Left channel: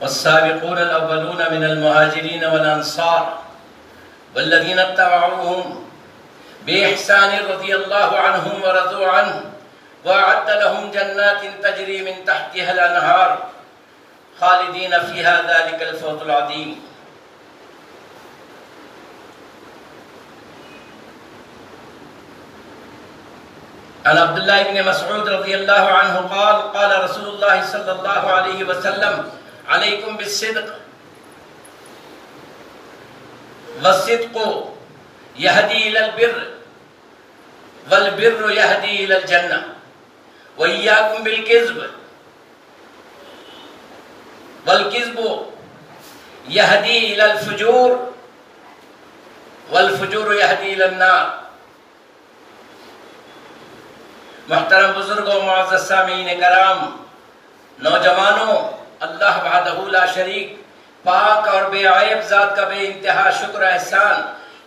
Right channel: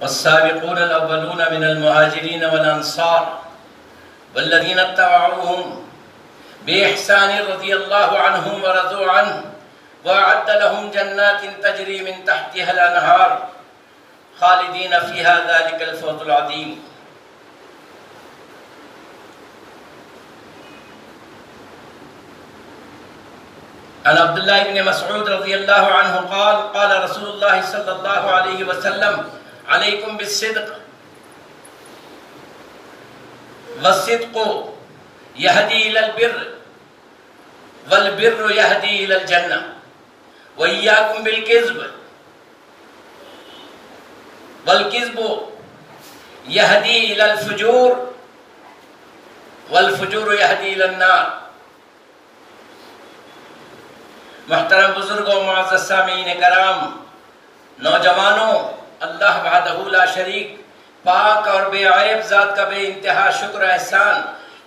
والسابقون الأولون من المهاجرين والأنصار والذين اتبعوهم بإحسان رضي الله عنهم ورضوا عنه وأعد لهم جنات تجري من تحتها الأنهار خالدين فيها ذلك الفوز العظيم. عن عبد الله بن مسعود رضي الله عنه قال قال رسول الله صلى الله عليه وسلم عليكم بالصدق والصدق يهدي إلى البر والبر يهدي إلى الجنة وإياكم بالكذب والكذب يهدي إلى الفجور والفجور يهدي إلى النار. محترم بزرگوں، معزز سامعین کرام، نوجوانوں، اللہ وحدہ لا شریک پاک اور بے عیب ذات کا بے انتہا شکر احسان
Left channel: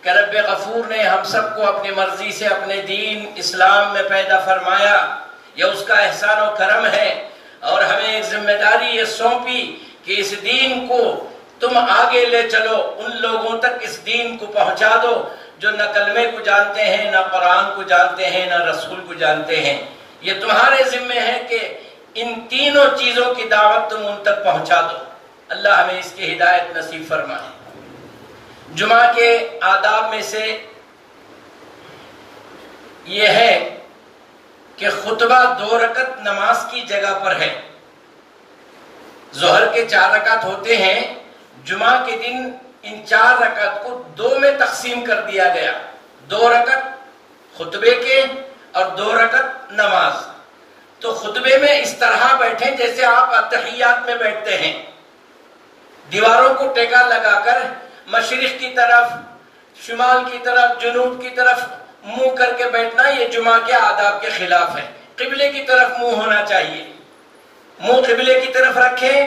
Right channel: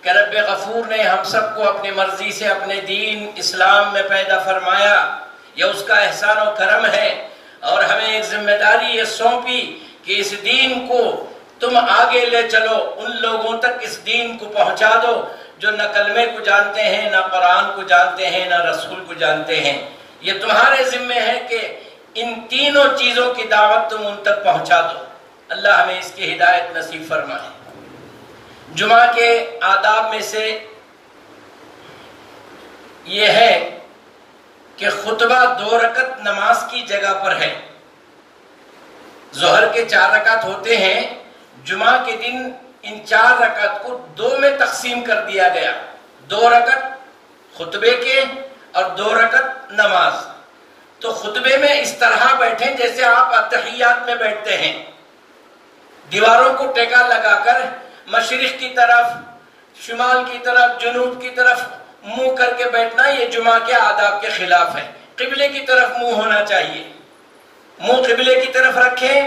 کہ رب غفور نے ہم سب کو اپنی مرضی سے اپنے دین اسلام میں پیدا فرمایا. یہ اس کا احسان و کرم ہے، اور ہمیں ایک ذمہ داری یہ سونپی کہ اس دین کو تم آگے لے چلو، ان لوگوں تک اس دین کو پہنچا دو جو نہ کلمے کو جانتے ہیں، نہ قرآن کو جانتے ہیں، نہ رسول کو جانتے ہیں. یہ تمہارے ذمہ ہے کہ ان تینوں چیزوں کی دعوت تم ان تک پہنچا دو. اللہ ہمیں اس کی ہدایت نصیب فرمائے. جمعہ کے آداب میں سے یہ ہے کہ خطبہ 2 رکعت نماز کی جگہ پر ہے. ظہر کے 4 رکعت ہوتے ہیں، جمعہ کے دن ان 4 رکعت کو 2 میں تقسیم کر دیا گیا. 2 رکعت خطبے کے اور 2 رکعت نماز. تو خطبے میں اس طرح بیٹھیں جیسے آپ اتحیات میں بیٹھتے ہیں، دیواروں کو ٹیکا لگا کر مشرق کی طرف، شمال کی طرف، جنوب کی طرف منہ کر کے بیٹھنا یہ جمعہ کے آداب کے خلاف ہے. قبلے کی طرف منہ ہونا چاہیے، منہ قبلے کی طرف رکھیں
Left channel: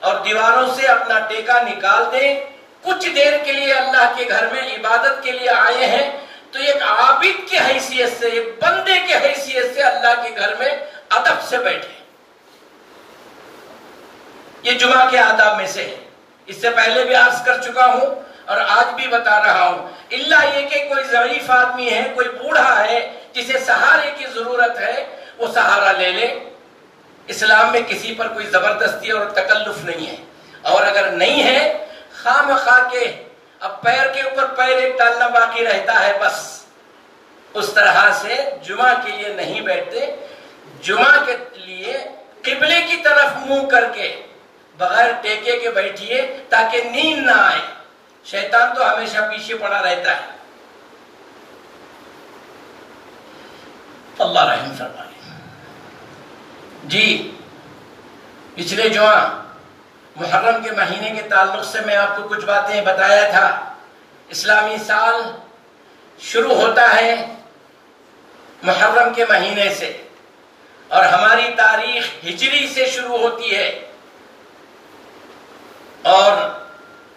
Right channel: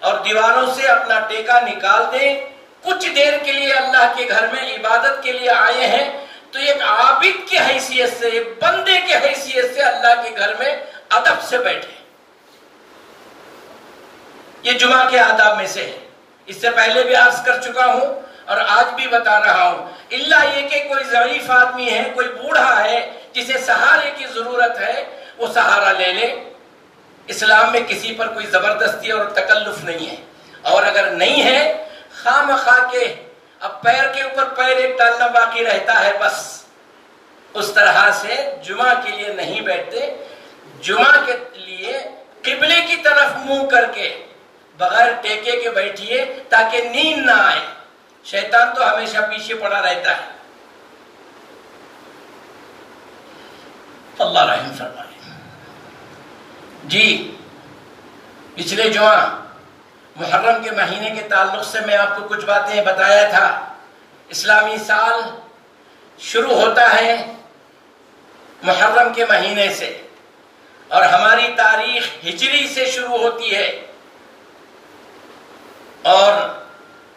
اور دیواروں سے اپنا ٹیکا نکال دیں. کچھ دیر کے لیے اللہ کے گھر میں عبادت کے لیے آئے ہیں تو ایک عابد کی حیثیت سے، ایک بندے کی حیثیت سے اللہ کے گھر میں ادب سے بیٹھے. یہ جمعہ کے آداب میں سے ہے. اس سے پہلے بھی عرض کر چکا ہوں اور آج بھی بتا رہا ہوں، اللہ یہ کہ کوئی ضعیف آدمی ہے، کوئی بوڑھا ہے جسے سہارے کی ضرورت ہے، وہ سہارا لے لے. اسلام میں کسی پر کوئی زبردستی اور تکلف نہیں ہے، اور اگر نہیں ہے خواہ مخواہ کے اب پیر کے اوپر پیر ایک ڈالنا باقی رہتا ہے، بس اس طرح سے جمعہ کے لیے نہیں بیٹھتے. جمعہ کے لیے قبلے کی طرف منہ کر کے بغیر ٹیکے کے بیٹھیے تاکہ نیند نہ آئے. شیطان تو ہمیشہ پیچھے پڑا رہتا ہے. اللہ رحم فرمائے. جی، پچھلے جمعہ محرم کے مہینے کے تعلق سے میں آپ کو کچھ باتیں بتایا تھا. اسلامی سال شروع ہوتا ہے محرم کے مہینے سے، اور ہماری تاریخ ہجری سے شروع ہوتی ہے، اور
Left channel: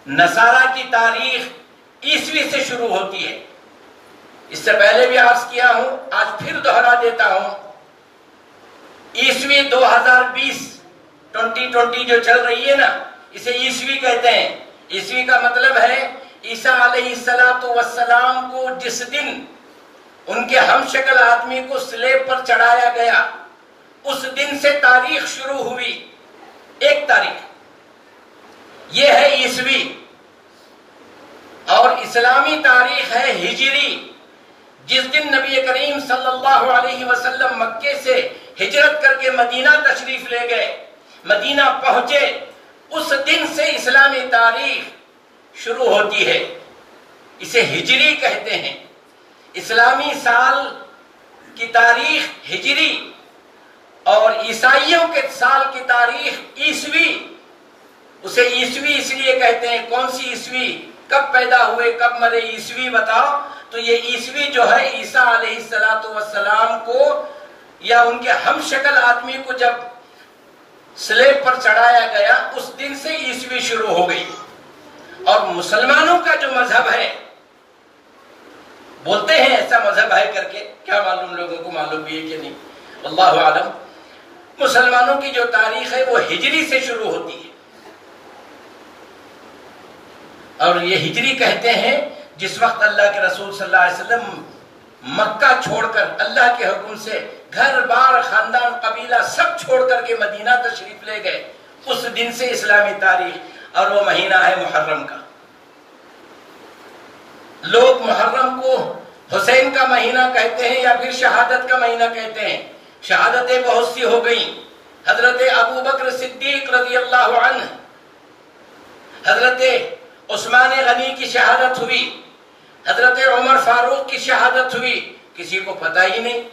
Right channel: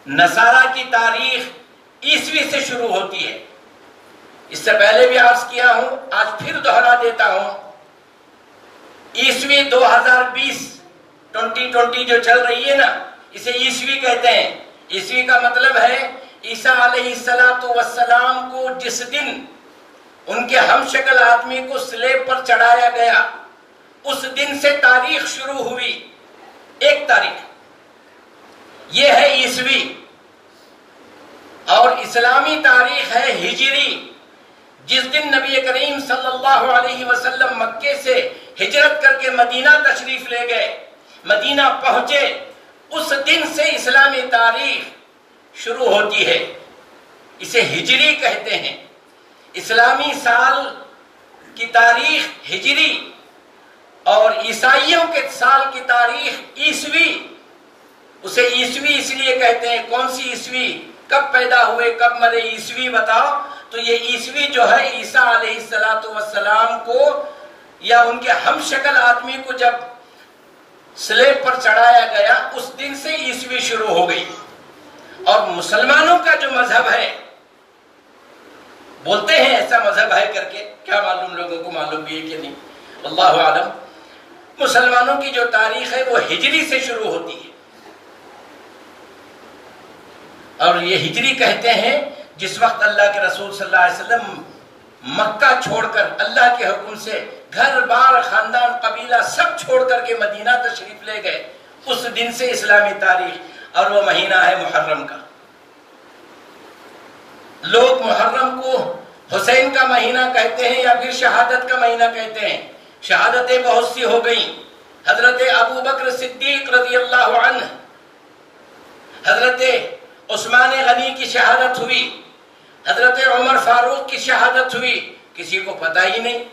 نصارہ کی تاریخ عیسوی سے شروع ہوتی ہے. اس سے پہلے بھی عرض کیا ہوں، آج پھر دوہرا دیتا ہوں. عیسوی 2020 جو چل رہی ہے نا، اسے عیسوی کہتے ہیں. عیسوی کا مطلب ہے عیسیٰ علیہ السلام کو جس دن ان کے ہم شکل آدمی کو سلیب پر چڑھایا گیا، اس دن سے تاریخ شروع ہوئی. 1 تاریخ یہ ہے عیسوی. اور اسلامی تاریخ ہے ہجری. جس دن نبی کریم صلی اللہ علیہ وسلم مکے سے ہجرت کر کے مدینہ تشریف لے گئے، مدینہ پہنچے، اس دن سے اسلامی تاریخ شروع ہوتی ہے. اسے ہجری کہتے ہیں. اسلامی سال کی تاریخ ہجری اور عیسائیوں کے سال کی تاریخ عیسوی. اسے عیسوی اس لیے کہتے ہیں. کون سی عیسوی؟ کب پیدا ہوئے، کب مرے، عیسوی بتاؤ. تو یہ عیسوی جو ہے عیسیٰ علیہ السلام کو یا ان کے ہم شکل آدمی کو جب سلیب پر چڑھایا گیا، اس دن سے عیسوی شروع ہو گئی. اور مسلمانوں کا جو مذہب ہے، بولتے ہیں ایسا مذہب ہے کر کے، کیا معلوم لوگوں کو معلوم بھی ہے کہ نہیں، اللہ عالم. مسلمانوں کی جو تاریخ ہے وہ ہجری سے شروع ہوتی ہے. اور یہ ہجری کہتے ہیں جس وقت اللہ کے رسول صلی اللہ علیہ وسلم مکہ چھوڑ کر اللہ کے حکم سے گھر بار خاندان قبیلہ سب چھوڑ کر کے مدینہ تشریف لے گئے، اس دن سے اسلامی تاریخ، اور وہ مہینہ ہے محرم کا۔ لوگ محرم کو حسین کا مہینہ کہتے ہیں یا پھر شہادت کا مہینہ کہتے ہیں۔ شہادتیں بہت سی ہو گئیں۔ حضرت ابو بکر صدیق رضی اللہ عنہ، حضرت عثمان غنی کی شہادت ہوئی، حضرت عمر فاروق کی شہادت ہوئی، کسی کو پتہ ہی نہیں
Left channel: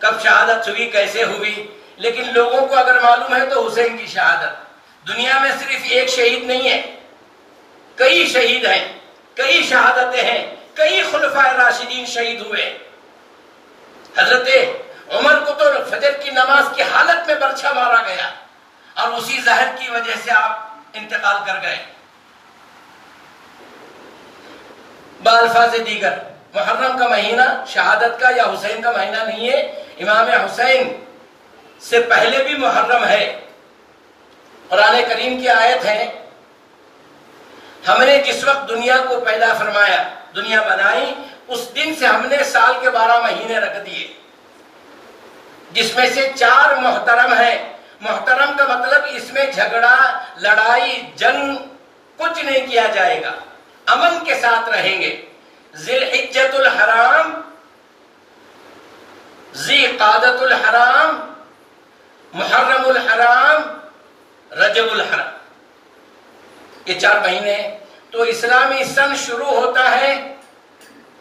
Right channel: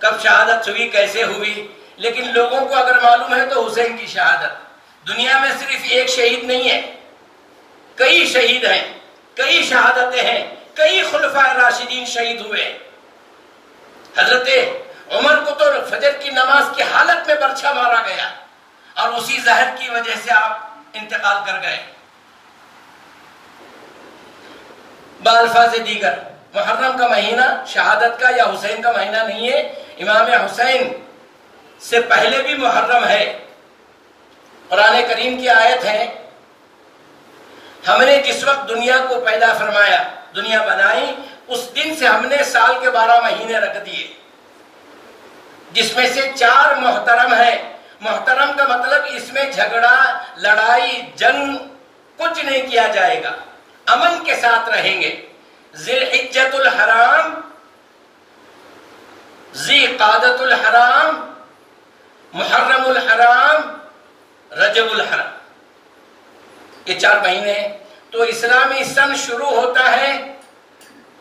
کب شہادت ہوئی، کیسے ہوئی، لیکن لوگوں کو اگر معلوم ہے تو حسین کی شہادت۔ دنیا میں صرف ایک شہید نہیں ہے، کئی شہید ہیں، کئی شہادتیں ہیں، کئی خلفائے راشدین شہید ہوئے۔ حضرت عمر کو تو فجر کی نماز کی حالت میں برچھا مارا گیا اور اسی زہر کی وجہ سے آپ انتقال کر گئے۔ بالفاظ دیگر محرم کا مہینہ شہادت کا یا حسین کا مہینہ نہیں ہے، امام حسین سے پہلے بھی محرم ہے۔ قرآن کریم کی آیت ہے، ہم نے جس وقت دنیا کو پیدا فرمایا، دنیا بنائی، اس دن سے ہم نے سال کے 12 مہینے رکھ دیے، جس میں سے 4 محترم ہیں۔ محترم کا مطلب اس میں جھگڑا، لڑائی، جنگ کچھ نہیں کیا جائے گا، امن کے ساتھ رہیں گے۔ ذی الحجۃ الحرام، ذی قعدۃ الحرام، محرم الحرام، رجب الحرام، یہ 4 مہینے ہیں۔ تو اسلامی سن شروع ہوتا ہے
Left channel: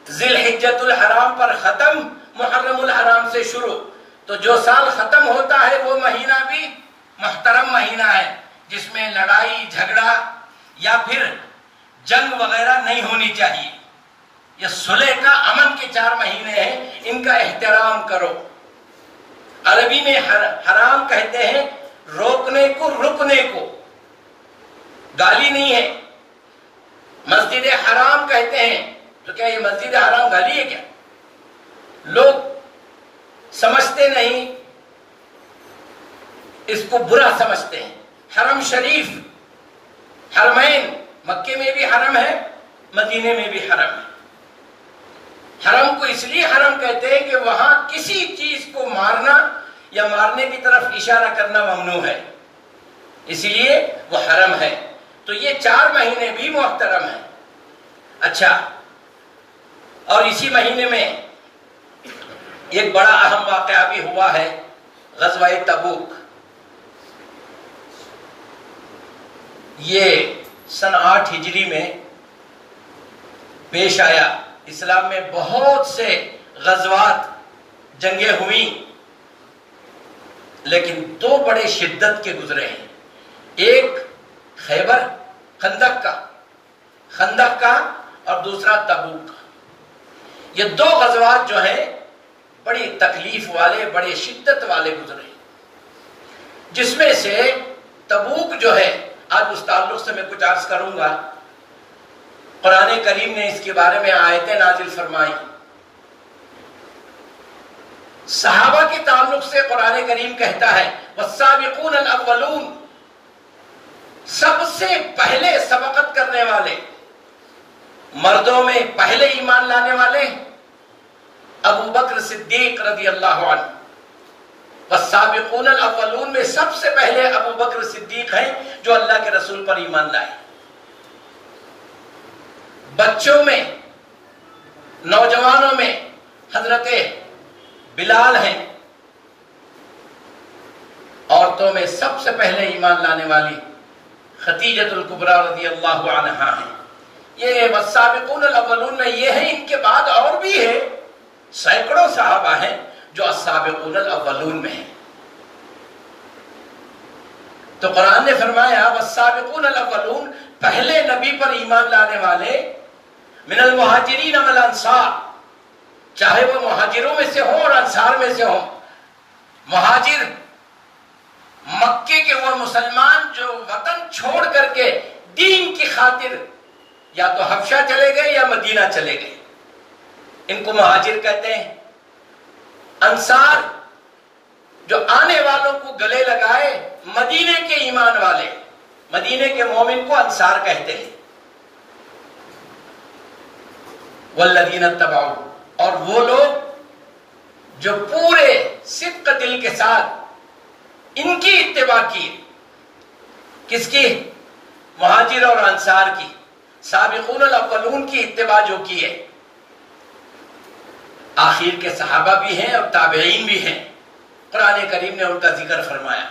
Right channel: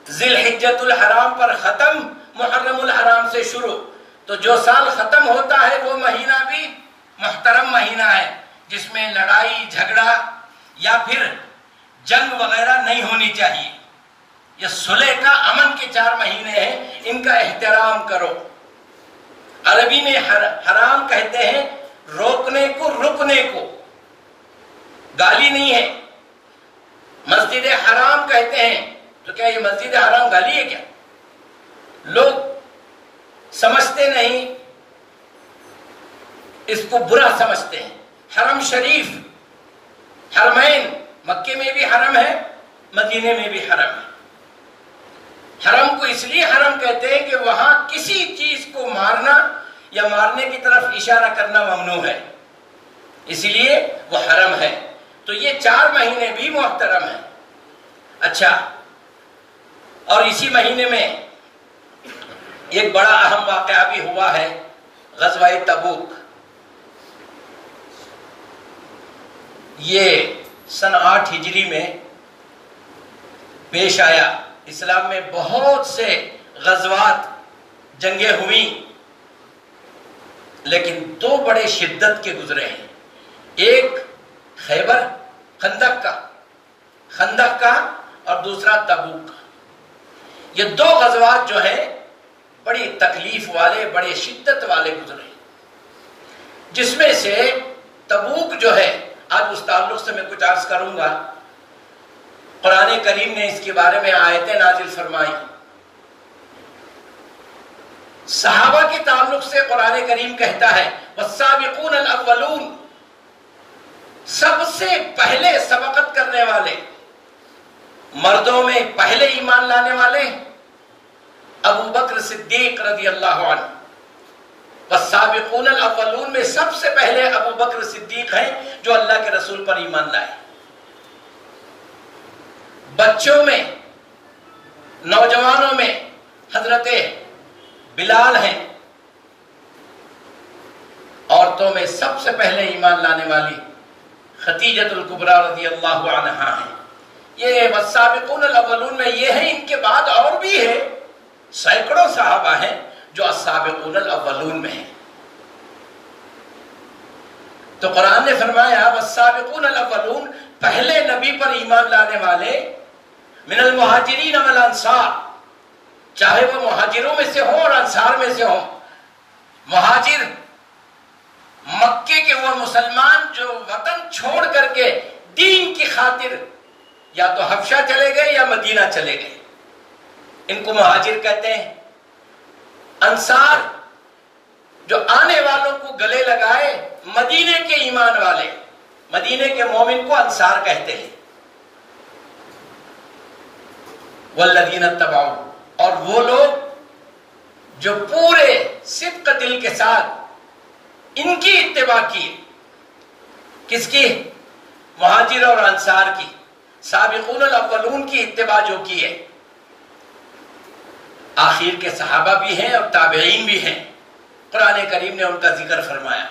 ذی الحجۃ الحرام پر، ختم محرم الحرام سے شروع۔ تو جو سال ختم ہوتا ہے وہ مہینہ بھی محترم مہینہ ہے، جس میں لڑائی جھگڑا یا پھر جنگ وغیرہ نہیں ہونی چاہیے۔ یہ صلح کا، امن کے 4 مہینے ہیں، ان کا احترام کرو۔ عربی میں حرام کہتے ہیں روکنے کو، رکنے کو، گالی نہیں ہے۔ مسجد حرام کہتے ہیں، تو کیا یہ مسجد حرام گالی ہے کیا؟ لوگ سمجھتے نہیں، اس کو برا سمجھتے ہیں۔ حرم شریف، حرمین، مکے میں بھی حرم ہے، مدینے میں بھی حرم ہے۔ حرم کو اس لیے حرم کہتے ہیں کہ وہاں کسی چیز کو مارنا یا مارنے کی طرف اشارہ کرنا ممنوع ہے، اس لیے وہ حرم ہے۔ تو یہ 4 مہینے بھی محترم ہیں۔ اچھا، اور اسی مہینے میں ایک بڑا اہم واقعہ بھی ہوا ہے، غزوہ تبوک۔ یہ سن 8 ہجری میں پیش آیا۔ اسلام میں بہت سے غزوات، جنگیں ہوئی، لیکن 2 بڑے شدت کے گزرے ہیں۔ ایک خیبر، خندق کا، اور دوسرا تبوک کا۔ یہ 2 غزوات جو ہیں بڑی تکلیف والے، بڑے شدت والے گزرے، جس میں سے تبوک جو ہے، آج اس تعلق سے میں کچھ عرض کروں گا۔ قرآن کریم نے اس کے بارے میں آیتیں نازل فرمائی۔ صحابہ کے تعلق سے قرآن کریم کہتا ہے والسابقون الاولون، سب سے پہلے سبقت کرنے والے، مردوں میں پہلے ایمان لانے والے ابو بکر صدیق رضی اللہ عنہ۔ والسابقون الاولون میں سب سے پہلے ابو بکر صدیق ہیں جو اللہ کے رسول پر ایمان لائے۔ بچوں میں، نوجوانوں میں حضرت بلال ہیں۔ عورتوں میں سب سے پہلے ایمان لانے والی خدیجۃ الکبریٰ رضی اللہ عنہا ہیں۔ یہ والسابقون الاولون میں یہ ہیں، ان کے بعد اور بھی ہے، سینکڑوں صحابہ ہیں جو السابقون الاولون میں ہیں۔ تو قرآن نے فرمایا والسابقون الاولون، پہلے نبی پر ایمان لانے والے، من المہاجرین والانصار، چاہے وہ مہاجروں میں سے ہوں اور انصار میں سے ہوں۔ مہاجر مکے کے وہ مسلمان جو وطن چھوڑ کر کے دین کی خاطر یا تو حبشہ چلے گئے یا مدینہ چلے گئے، ان کو مہاجر کہتے ہیں۔ انصار جو آنے والوں کو گلے لگائے، مدینے کے ایمان والے، مدینے کے مومن کو انصار کہتے ہیں۔ والذین اتبعوا، اور وہ لوگ جو پورے صدق دل کے ساتھ ان کی اتباع کیے. کس کی؟ مہاجر اور انصار کی، سابقون الاولون کی اتباع جو کی ہے. آخر کے صحابہ بھی ہیں اور تابعین بھی ہیں. قرآن کریم نے ان کا ذکر فرمایا،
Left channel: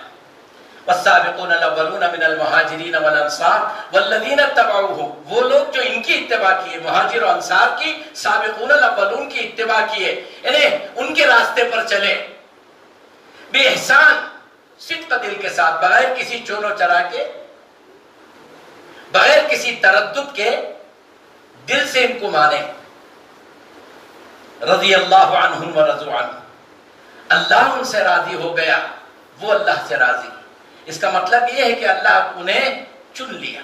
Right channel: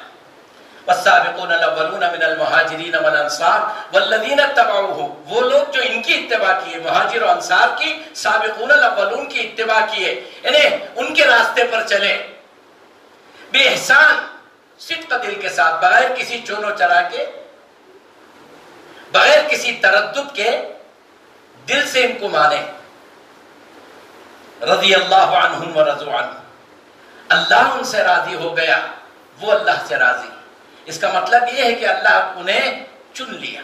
والسابقون الاولون من المہاجرین والانصار والذین اتبعوہم، وہ لوگ جو ان کی اتباع کیے، مہاجر و انصار کی، سابقون الاولون کی اتباع کیے، انہیں ان کے راستے پر چلے بے احسان، صدق دل کے ساتھ، بغیر کسی چونو چرا کے، بغیر کسی تردد کے، دل سے ان کو مانے. رضی اللہ عنہم ورضوا عنہ، اللہ ان سے راضی ہو گیا، وہ اللہ سے راضی. اس کا مطلب یہ ہے کہ اللہ انہیں چن لیا.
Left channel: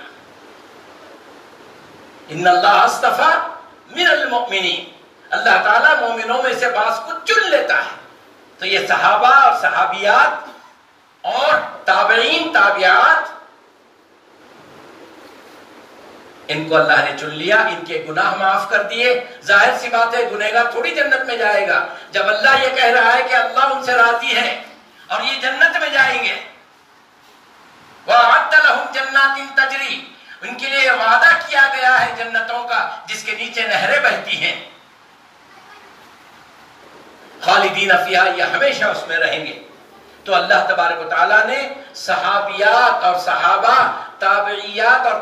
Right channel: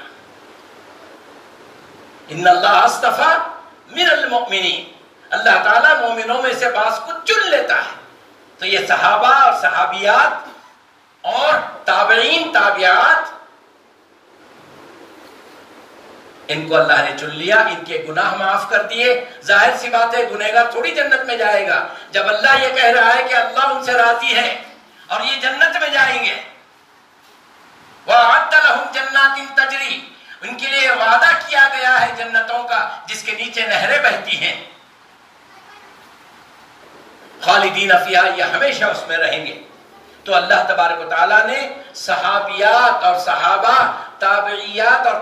ان اللہ اصطفیٰ من المؤمنین، اللہ تعالیٰ مومنوں میں سے بعض کو چن لیتا ہے. تو یہ صحابہ اور صحابیات اور تابعین تابعات، ان کو اللہ نے چن لیا، ان کے گناہ معاف کر دیے. ظاہر سی بات ہے گنہگار تھوڑی جنت میں جائے گا. جب اللہ یہ کہہ رہا ہے کہ اللہ ان سے راضی ہے اور یہ جنت میں جائیں گے، وَأَعَدَّ لَهُمْ جَنَّاتٍ تَجْرِي، ان کے لیے وعدہ کیا گیا ہے جنتوں کا جس کے نیچے نہریں بہتی ہیں، خالدین فیہا، یہ ہمیشہ اس میں رہیں گے. تو اللہ تبارک و تعالیٰ نے صحابیات اور صحابہ، تابعیات اور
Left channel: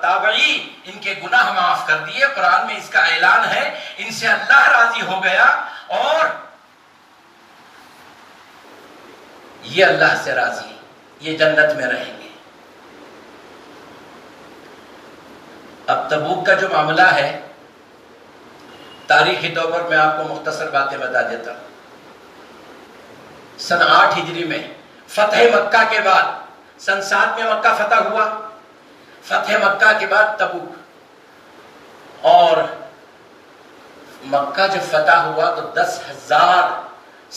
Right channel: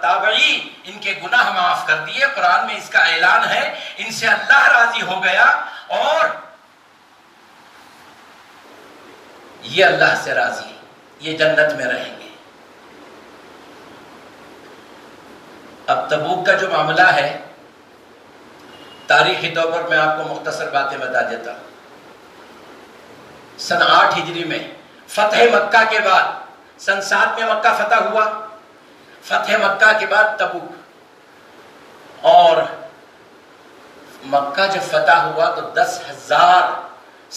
تابعی، ان کے گناہ معاف کر دیے. قرآن میں اس کا اعلان ہے، ان سے اللہ راضی ہو گیا اور یہ اللہ سے راضی، یہ جنت میں رہیں گے. اب تبوک کا جو معاملہ ہے، تاریخی طور پر میں آپ کو مختصر باتیں بتا دیتا ہوں. سن 8 ہجری میں فتح مکہ کے بعد، سن 7 میں مکہ فتح ہوا، فتح مکہ کے بعد تبوک. اور مکہ جب فتح ہوا تو 10,000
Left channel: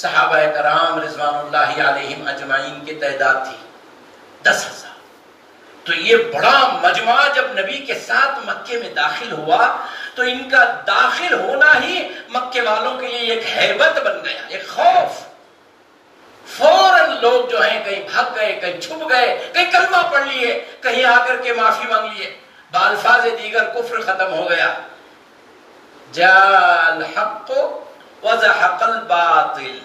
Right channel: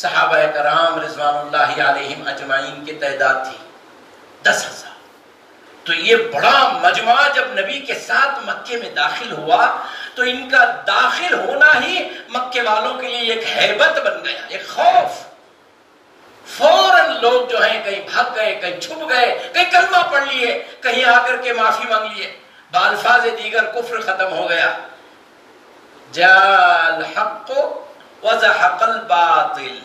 صحابہ کرام رضوان اللہ علیہم اجمعین کی تعداد تھی. 10,000. تو یہ بڑا مجمع جب نبی کے ساتھ مکے میں داخل ہوا تو ان کا داخل ہونا ہی مکے والوں کے لیے ایک ہیبت بن گیا، ایک خوف. فوراً لوگ جو ہیں کہیں بھاگ گئے، کہیں چھپ گئے، کہیں کلمہ پڑھ لیے، کہیں آ کر کے معافی مانگ لیے. بالفاظ دیگر کفر ختم ہو گیا. جاء الحق وزحق الباطل.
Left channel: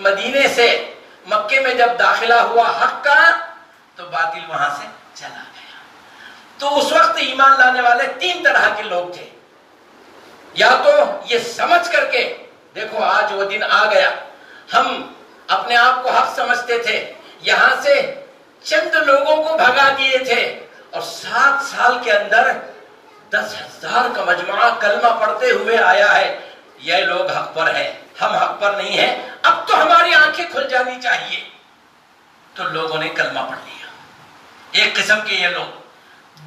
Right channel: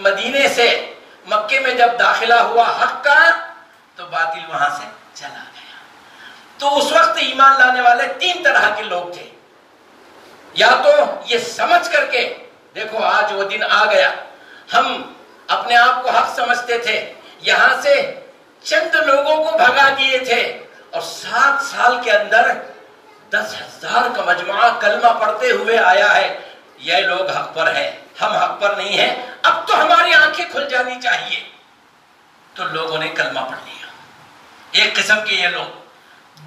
مدینے سے مکے میں جب داخلہ ہوا حق کا تو باطل وہاں سے چلا گیا. تو اس وقت ایمان لانے والے 3 طرح کے لوگ تھے. یا تو یہ سمجھ کر کے، دیکھو آج وہ دن آ گیا، ہم اپنے آپ کو حق سمجھتے تھے، یہاں سے چند لوگوں کو بھگا دیے تھے اور 7 سال کے اندر 10,000 کا مجموعہ کلمہ پڑھتے ہوئے آیا ہے. یہ لوگ حق پر ہیں، ہم حق پر نہیں ہیں، اب تو ہماری آنکھیں کھل جانی چاہیے. تو لوگوں نے کلمہ پڑھ لیا. ایک قسم کے یہ لوگ.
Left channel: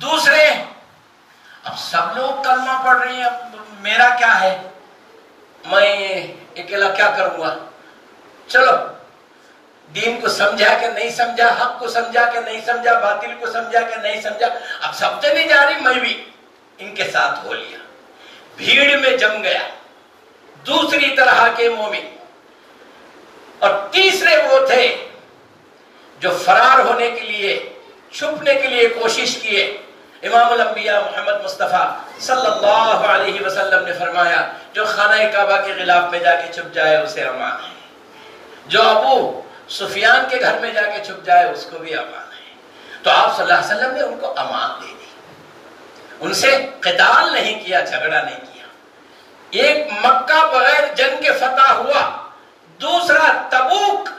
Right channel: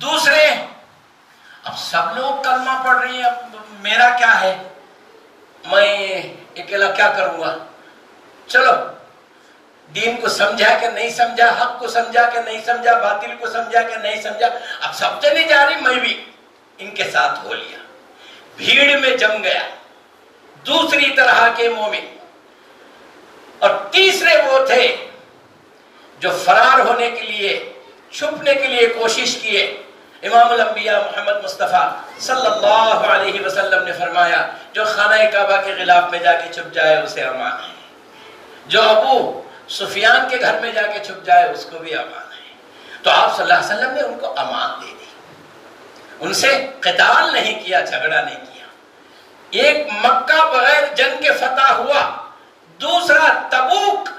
دوسرے، اب سب لوگ کلمہ پڑھ رہی ہیں، اب میرا کیا ہے، میں اکیلا کیا کروں گا. چلو، دین کو سمجھا کہ نہیں سمجھا، حق کو سمجھا کہ نہیں سمجھا، باطل کو سمجھا کہ نہیں سمجھا، اب سب چلی جا رہی، میں بھی ان کے ساتھ ہو لیا. بھیڑ میں جم گیا. دوسری طرح کے مومن. اور تیسرے وہ تھے جو فرار ہونے کے لیے، چھپنے کے لیے کوشش کیے. امام الانبیاء محمد مصطفیٰ صلی اللہ علیہ وسلم نے فرمایا، جو خانہ کعبہ کے غلاف میں جا کے چھپ جائے اسے امان ہے، جو ابو سفیان کے گھر میں جا کے چھپ جائے اس کو بھی امان ہے. تو آپ صلی اللہ علیہ وسلم نے ان کو امان دے دی، ان سے قتال نہیں کیا، جھگڑا نہیں کیا. ایک مکہ بغیر جنگ کے فتح ہوا، دوسرا تبوک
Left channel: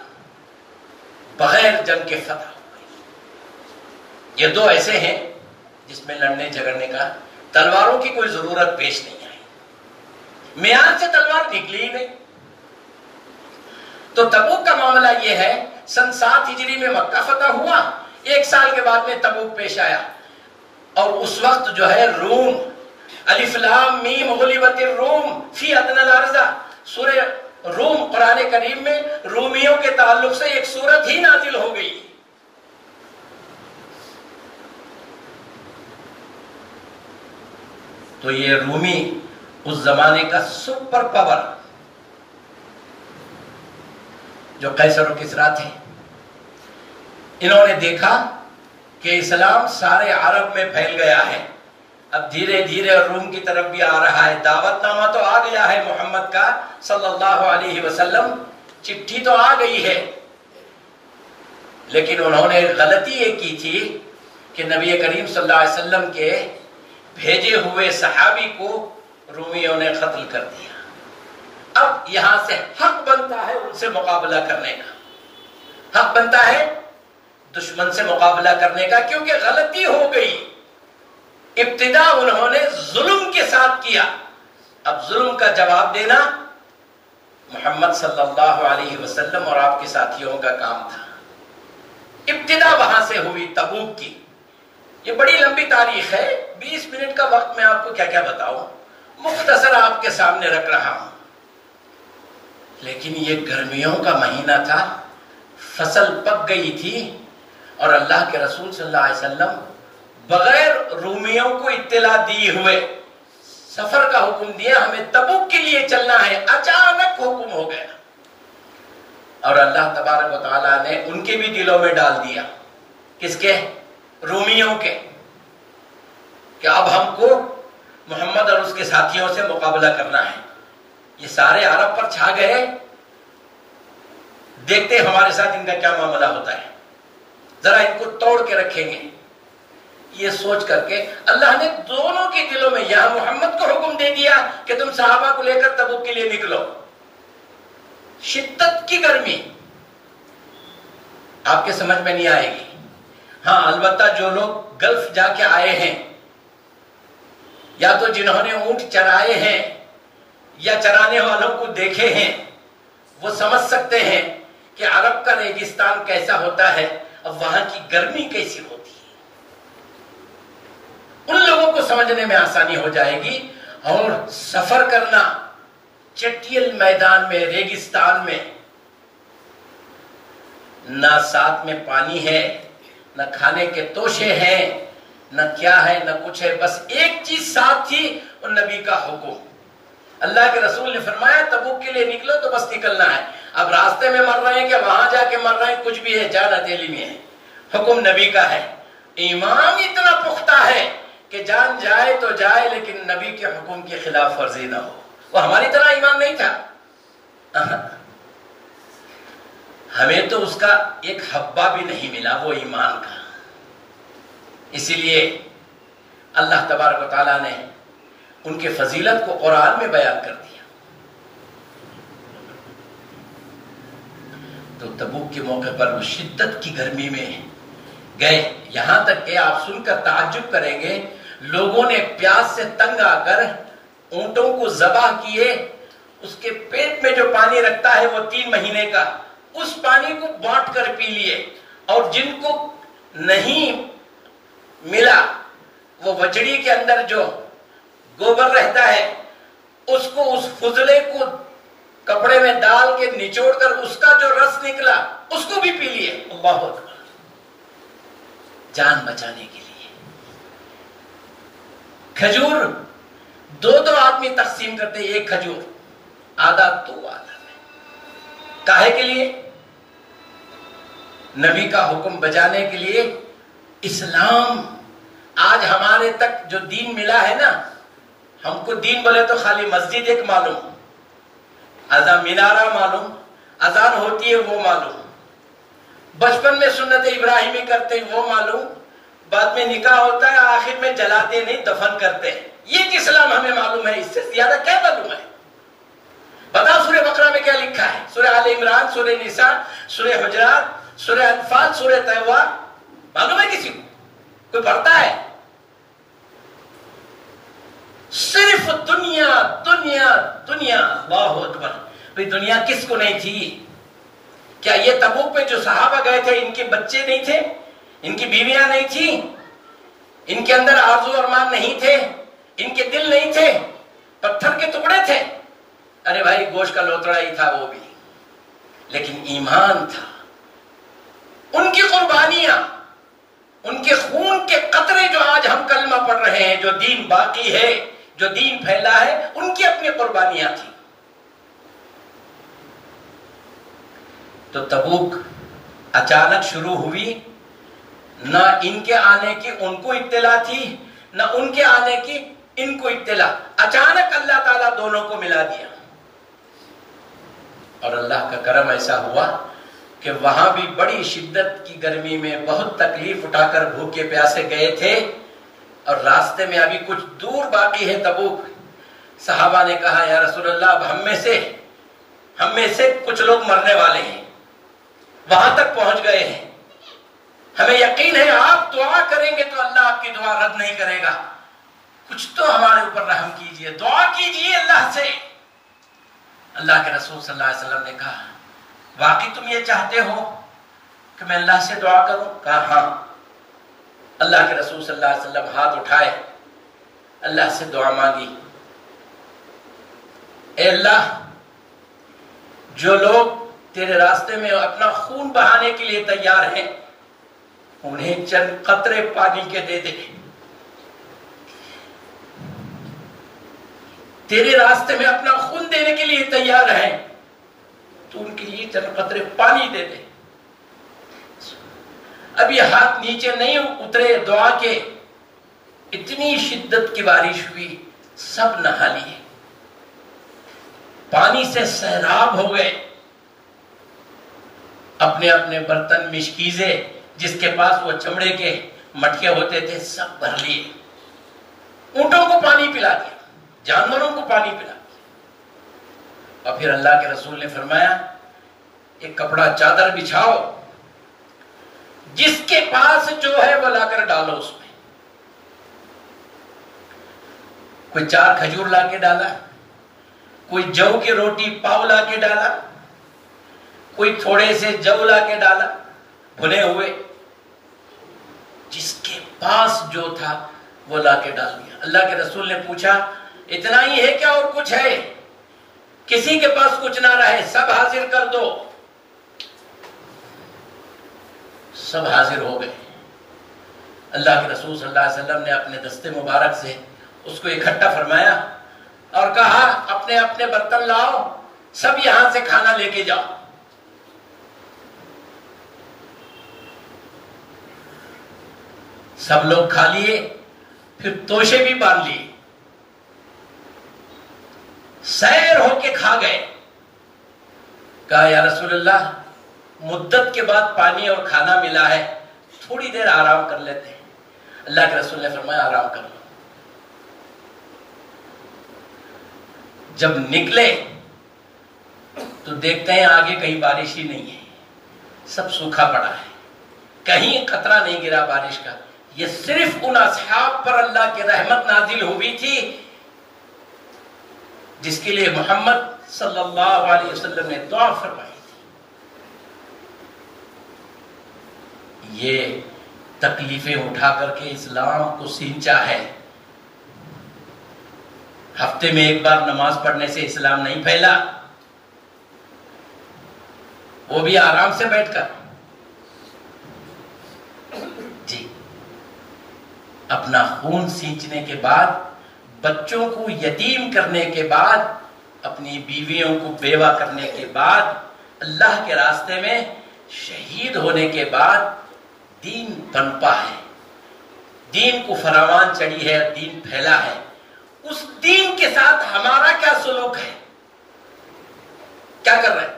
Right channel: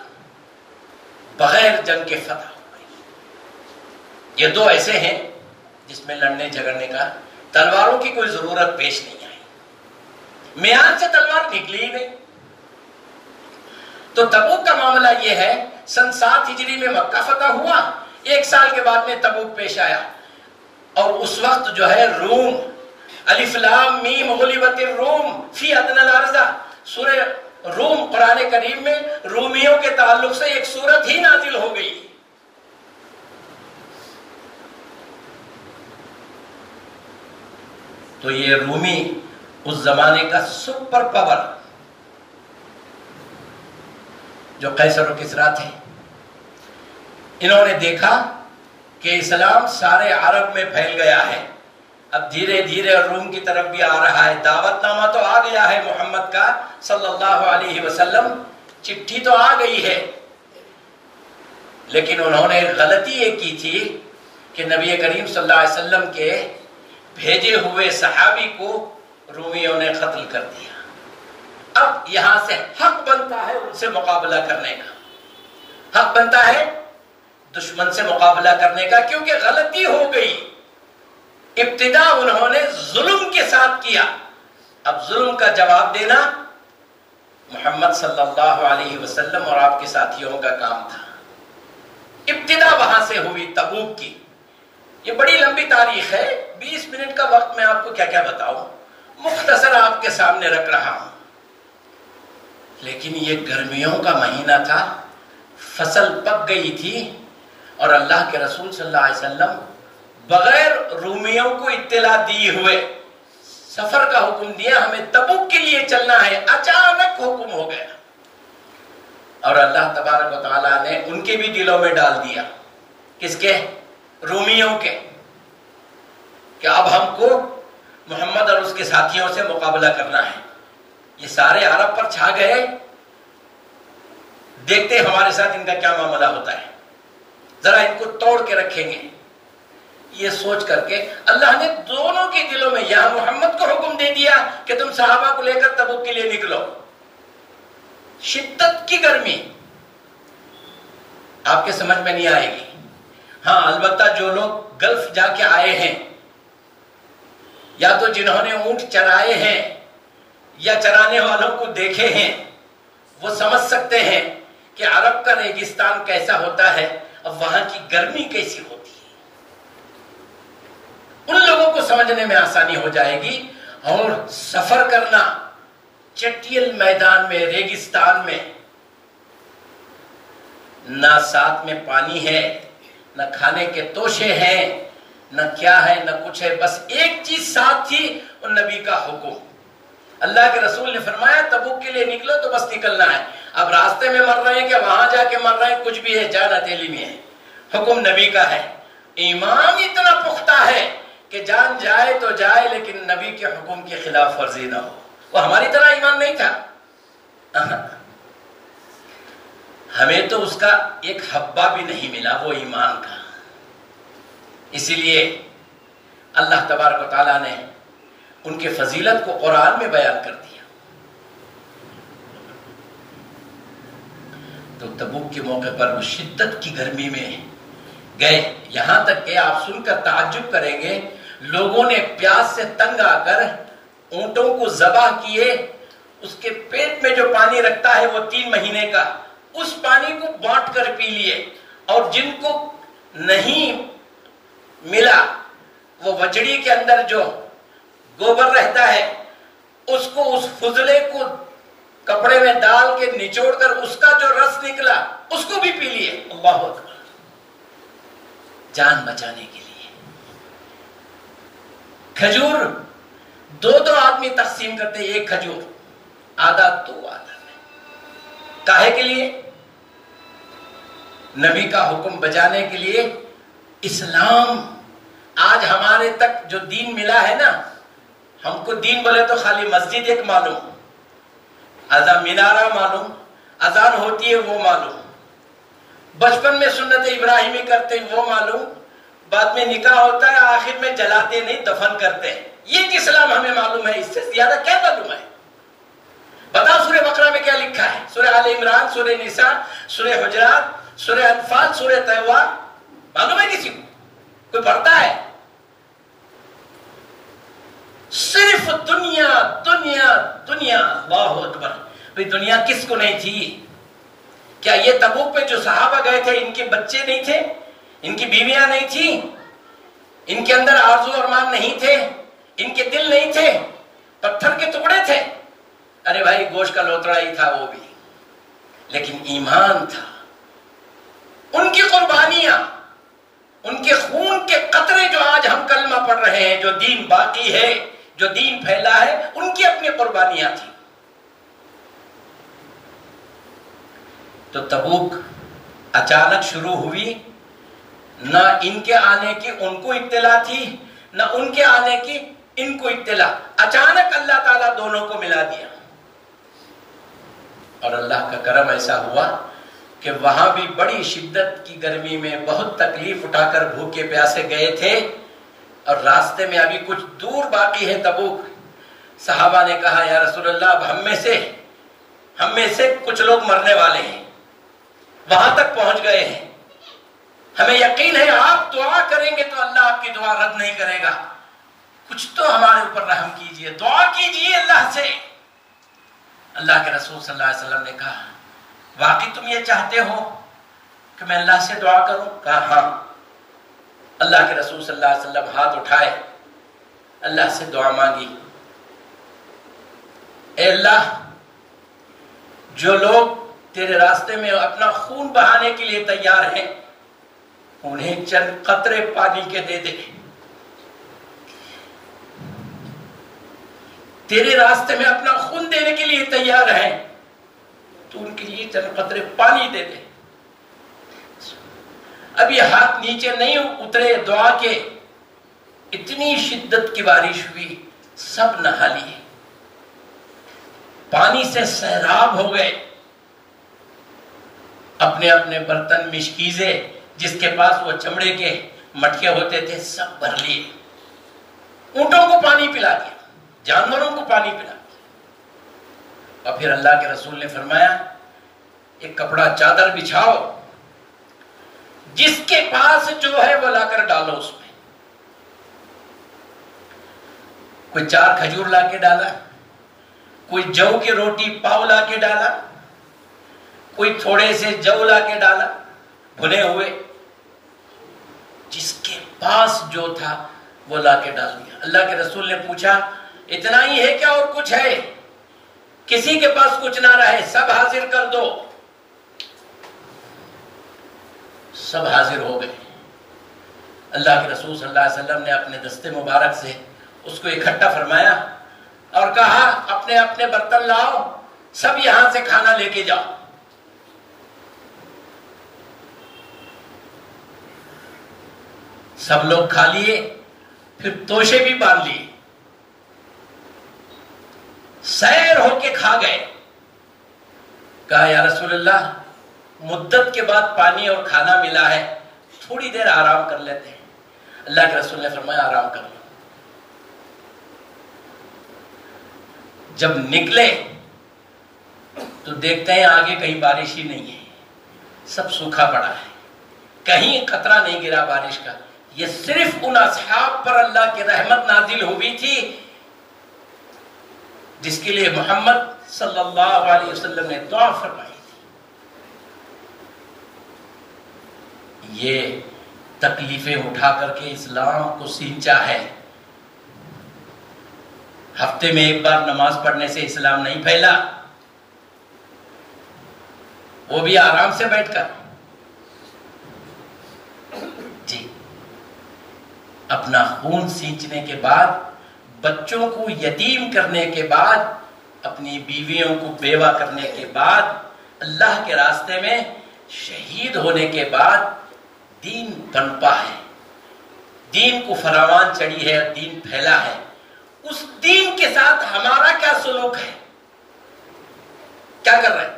بغیر جنگ کے فتح ہوا. یہ 2 ایسے ہیں جس میں لڑنے جھگڑنے کا، تلواروں کی کوئی ضرورت پیش نہیں آئی. میان سے تلوار نکلی ہی نہیں. تو تبوک کا معاملہ یہ ہے، سن 7 ہجری میں مکہ فتح ہوا، 1 سال کے بعد میں تبوک پیش آیا. اور اس وقت جو ہے روم، الف لام میم غلبت الروم فی ادنی الارض، سورہ روم قرآن کریم میں رومیوں کے تعلق سے ایک سورت ہی نازل ہو گئی. تو یہ رومی اس زمانے کا سپر پاور جو قیصر و کسریٰ تھے، انہوں نے دیکھا کہ اسلام سارے عرب میں پھیل گیا ہے، اب دھیرے دھیرے روم کی طرف بھی آ رہا ہے، دعوت نامہ تو آ گیا ہے محمد کا صلی اللہ علیہ وسلم، چٹھی تو آ گئی ہے، لیکن انہوں نے غلطی یہ کی تھی کہ نبی کریم صلی اللہ علیہ وسلم کے بھیجے ہوئے صحابی کو رومیوں نے قتل کر دیا۔ اب یہاں سے حق بنتا ہے ان سے مقابلہ کرنے کا، حق بنتا ہے دشمن سے مقابلہ کرنے کا، کیونکہ غلطی ہو گئی، ابتدا انہوں نے ظلم کے ساتھ کیا، اب ظلم کا جواب دینا محمد صلی اللہ علیہ وسلم اور آپ کے ساتھیوں کا کام تھا۔ ابتدا وہاں سے ہوئی تبوک کی، یہ بڑی لمبی تاریخ ہے، 20 منٹ کا وقت میں آپ کو کیا کیا بتاؤں، مختصر آپ کے سامنے رکھ رہا ہوں، لیکن یہ گرمیوں کا مہینہ تھا، فصل پک گئی تھی، اور اللہ کے رسول صلی اللہ علیہ وسلم بغیر رومیوں کو اطلاع دیے ہوئے سفر کا حکم دیا، ہمیں تبوک کے لیے چلنا ہے، اچانک حکم ہو گیا، اور اللہ تبارک و تعالیٰ نے ان کے بھی دلوں میں ڈال دیا، کس کے؟ رومیوں کے، کہ اب ہم کو محمد اور اس کے ساتھیوں سے مقابلہ کرنا ہے۔ یہ سارے عرب پر چھا گئے، دیکھتے ہمارے ساتھ ان کا کیا معاملہ ہوتا ہے، ذرا ان کو توڑ کے رکھیں گے، یہ سوچ کر کے اللہ نے دونوں کے دلوں میں یہاں محمد کو حکم دے دیا کہ تم صحابہ کو لے کر تبوک کے لیے نکلو۔ شدت کی گرمی آپ کے سمجھ میں نہیں آئے گی، ہاں البتہ جو لوگ گلف جا کے آئے ہیں، یا تو جنہوں نے اونٹ چرائے ہیں یا چرانے والوں کو دیکھے ہیں، وہ سمجھ سکتے ہیں کہ عرب کا ریگستان کیسا ہوتا ہے، اب وہاں کی گرمی کیسی ہوتی ہے، ان لوگوں کو سمجھنے میں آسانی ہو جائے گی۔ اور سفر کرنا چٹیل میدان میں، ریگستان میں، نہ ساتھ میں پانی ہے، نہ کھانے کے توشے ہیں، نہ کیا ہے نہ کچھ ہے، بس ایک چیز ساتھ تھی، اور نبی کا حکم۔ اللہ کے رسول نے فرمایا تبوک کے لیے نکلو تو بس نکلنا ہے، اب راستے میں مر رہے ہیں کہ وہاں جا کے مر رہے ہیں، کچھ بھی ہے، جان ہتھیلی میں ہے، حکم نبی کا ہے۔ ایمان اتنا پختہ ہے کہ جان جائے تو جائے، لیکن نبی کے حکم کی خلاف ورزی نہ ہو۔ وہ ہماری طرح ایمان نہیں تھا، ہمیں تو اس کا ایک حبہ بھی نہیں ملا وہ ایمان کا، اسی لیے اللہ تبارک و تعالیٰ نے ان کے فضیلت کو قرآن میں بیان کر دیا۔ تو تبوک کے موقع پر وہ شدت کی گرمی میں گئے، یہاں تک کہ آپ سن کر تعجب کریں گے، لوگوں نے پیاس سے تنگ آ کر اونٹوں کو ذبح کیے، اس کے پیٹ میں جو پانی رکھتا ہے وہ 3 مہینے کا، اس پانی کو بانٹ کر پی لیے، اور جن کو نہیں ملا وہ وچڑی کے اندر جو گوبر رہتا ہے اس کو، اس فضلے کو کپڑے میں ڈال کے نچوڑ کر اس کا جو رس نکلا اس کو بھی پی لیے، اللہ اکبر، جان بچانے کے لیے۔ کھجور 2 آدمی تقسیم کرتے، ایک کھجور، آدھا تو آدھا، کاہے کے لیے؟ نبی کا حکم بجانے کے لیے۔ اسلام آج ہمارے تک جو دین ملا ہے نا، ہم کو دین بولے تو خالی مسجد ایک معلوم، اذان مینارہ معلوم، اذان ہوتی ہے وہ معلوم، بچپن میں سنت ابراہیمی کرتے وہ معلوم، بعد میں نکاح ہوتا ہے، آخر میں جلاتے نہیں دفن کرتے، یہ اسلام ہمیں معلوم ہے، اس سے زیادہ کیا معلوم ہے؟ بتاؤ سورہ بقرہ میں کیا لکھا ہے، سورہ آل عمران، سورہ نساء، سورہ حجرات، سورہ انفال، سورہ توبہ، معلوم ہے کسی کو؟ کوئی پڑھتا ہے؟ صرف دنیا دنیا دنیا، اللہ اکبر، بھئی دنیا کس کو نہیں تھی؟ کیا یہ تبوک پہ جو صحابہ گئے تھے ان کے بچے نہیں تھے؟ ان کی بیویاں نہیں تھیں؟ ان کے اندر آرزو ارمان نہیں تھے؟ ان کے دل نہیں تھے؟ پتھر کے ٹکڑے تھے؟ ارے بھائی گوشت کا لوتڑا ہی تھا وہ بھی، لیکن ایمان تھا۔ ان کی قربانیاں، ان کے خون کے قطرے جو آج ہم کلمہ پڑھ رہے ہیں، جو دین باقی ہے، جو دین پھیلا ہے ان کی اپنی قربانیاں تھیں. تو تبوک اچانک شروع ہوئی، نہ ان کے آنے کی ان کو اطلاع تھی، نہ ان کے آنے کی ان کو اطلاع. اچانک اللہ تعالیٰ دونوں کو ملا دیا. اور اللہ کا کرم ایسا ہوا کہ وہاں بھی بڑی شدت کی گرمی میں بہت تکلیف اٹھا کر بھوکے پیاسے گئے تھے، اور راستے میں ابھی کچھ دور باقی ہے تبوک. صحابہ نے کہا یا رسول اللہ اب ہم میں سے کچھ لوگ مرنے والے ہیں، وہاں تک پہنچ گئے ہیں، ہمیں یقین ہے آپ دعا کریں گے تو اللہ آپ کی دعا رد نہیں کرے گا، کچھ تو ہمارے اوپر رحم کیجئے، دعا کیجئے اللہ سے. اللہ کے رسول صلی اللہ علیہ وسلم نے کہا واقعی تم یہ چاہتے ہو کہ میں اللہ سے دعا کروں؟ کہا ہاں. اللہ کے رسول صلی اللہ علیہ وسلم ہاتھ اٹھائے، اللہ سے دعا مانگی، اے اللہ جو لوگ تیرے راستے میں اپنا خون بہانے کے لیے تیار ہیں انہیں چند قطرے پانی کے دے دے. تیرے راستے میں اپنا خون دینے کے لیے تیار ہیں تو ان کے لیے چند قطرے پانی دے دے. اب یہ ہاتھ نیچے نہیں اترے دعا کے، اتنی شدت کی بارش ہوئی، سب نہا لیے، پانی سے سیراب ہو گئے. اپنے اپنے برتن مشکیزے جس کے پاس وہ چمڑے کے مٹکے ہوتے تھے سب بھر لیے، اونٹوں کو پانی پلا دیا، جانوروں کو پانی پلا دیا. اور پھر اللہ کے رسول نے فرمایا ایک کپڑا چادر بچھاؤ، جس کے پاس جو ہے وہ لا کر ڈالو اس میں. کوئی 4 کھجور لا کے ڈالا، کوئی جو کی روٹی پاؤ لا کے ڈالا، کوئی تھوڑے سے جو لا کے ڈالا بھنے ہوئے، جس کے پاس جو تھا وہ لا کے ڈال دیا. اللہ کے رسول نے پوچھا اتنا ہی ہے کیا اور کچھ ہے؟ کسی کے پاس کچھ نہ رہے، سب حاضر کر دو. سب حاضر ہو گئے. اللہ کے رسول صلی اللہ علیہ وسلم نے اپنے دستے مبارک سے اس کو اکٹھا فرمایا اور کہا اپنے اپنے برتن لاؤ، سب یہاں سے کھانا لے کے جاؤ. سب لوگ کھا لیے، پھر توشے بھی باندھ لیے، سیر ہو کے کھا گئے. کہا یا رسول اللہ مدت کے بعد پانی اور کھانا ملا ہے، تھوڑی دیر آرام کر لیتے ہیں. اللہ کے رسول نے فرمایا آرام کر لو. جب نکلے تو دیکھتے ہیں آگے کہیں بارش ہی نہیں ہے، سب سوکھا پڑا ہے، کہیں قطرہ نہیں گرا بارش کا. یہ صرف ان اصحاب پر اللہ کی رحمت نازل ہوئی تھی جس کے لیے محمد صلی اللہ علیہ وسلم نے دعا فرمائی تھی. یہ تکلیفیں اٹھا کر کے اسلام کو سینچا ہے. ہفتے میں ایک بار نماز پڑھنے سے اسلام نہیں پھیلا، وہ بھی آرام سے بیٹھ کر. جی اپنا خون سینچنے کے بعد، بچوں کو یتیم کرنے کے بعد، اپنی بیویوں کو بیوہ کرنے کے بعد، اللہ کے راستے میں شہید ہونے کے بعد دین پنپا ہے، دین کو فراوان چڑھی ہے، دین پھیلا ہے. اس دین کے ساتھ ہمارا کیا سلوک ہے؟ کیا کر رہے ہیں؟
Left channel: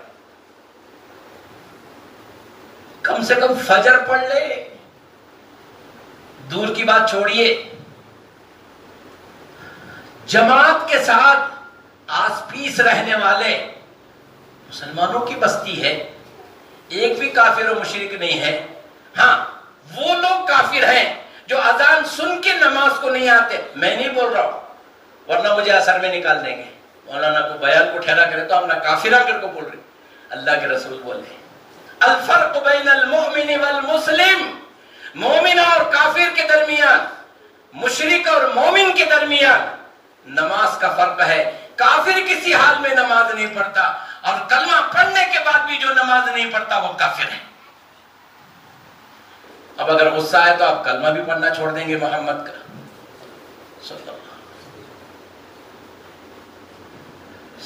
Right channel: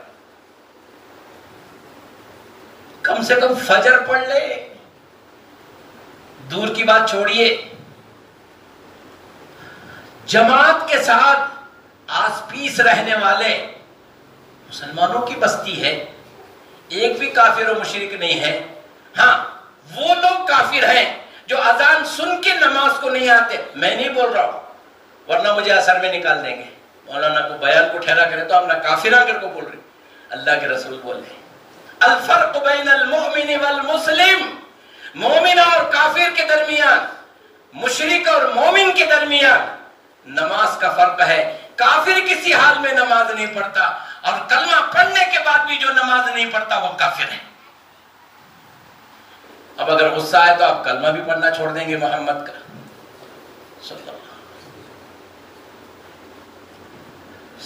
کم سے کم فجر پڑھ لے، دور کی بات چھوڑیے، جماعت کے ساتھ آس پیس رہنے والے مسلمانوں کی بستی ہے، ایک بھی کافر و مشرک نہیں ہے. ہاں وہ لوگ کافر ہیں جو اذان سن کے نماز کو نہیں آتے. میں نہیں بول رہا ہوں ورنہ مجھے اثر میں نکال دیں گے، مولانا کو بیان کو ٹھہرا کرے تو ہم نے کافرہ کر کو بول رہے. اللہ کے رسول بول رہے الفرق بین المؤمن والمسلم، مومن اور کافر کے درمیان، مشرک اور مومن کے درمیان نماز کا فرق ہے. کافر کسی حال میں نماز نہیں پڑھتا، اور کلمہ پڑھنے کے بعد بھی جو نماز نہیں پڑھتا وہ کافر ہے. اب اگر غصہ ہے تو آپ کلمہ بھی پڑھنا چھوڑ دیں گے محمد کا.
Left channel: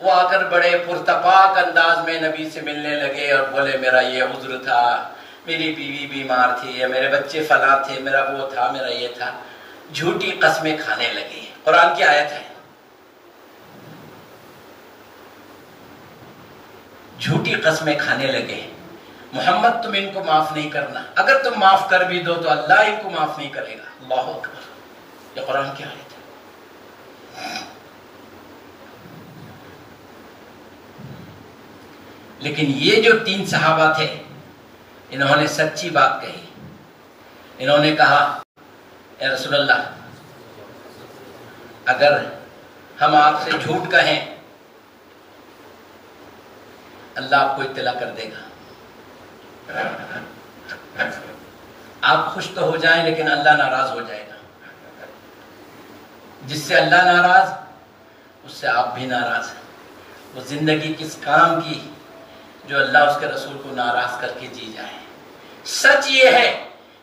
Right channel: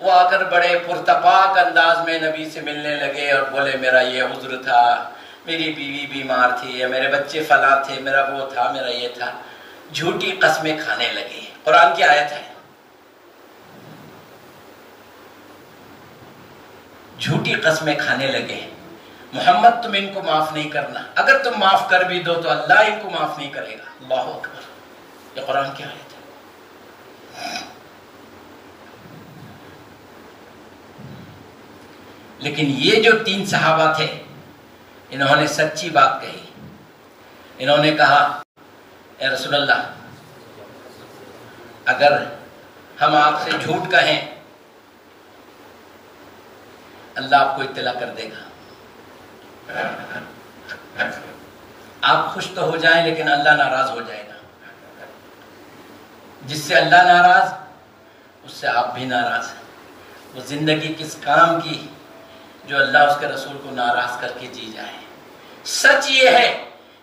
وہ آ کر بڑے پرتپاک انداز میں نبی سے ملنے لگے اور بولے میرا یہ عذر تھا، میری بیوی بیمار تھی، یا میرے بچے فلاں تھے، میرا وہ تھا، میرا یہ تھا. جھوٹی قسمیں کھانے لگے. قرآن کی آیت ہے. جھوٹی قسمیں کھانے لگے. محمد تم ان کو معاف نہیں کرنا، اگر تم معاف کر بھی دو تو اللہ ان کو معاف نہیں کرے گا. اللہ اکبر. یہ قرآن کی آیت ہے. لیکن یہ جو 3 صحابہ تھے انہوں نے سچی بات کہی. انہوں نے کہا اے رسول اللہ اگر ہم آپ سے جھوٹ کہیں اللہ آپ کو اطلاع کر دے گا. آپ خوش تو ہو جائیں لیکن اللہ ناراض ہو جائے گا. جس سے اللہ ناراض اس سے آپ بھی ناراض ہیں. وہ زندگی کس کام کی جو اللہ اس کے رسول کو ناراض کر کے جی جائے. سچ یہ ہے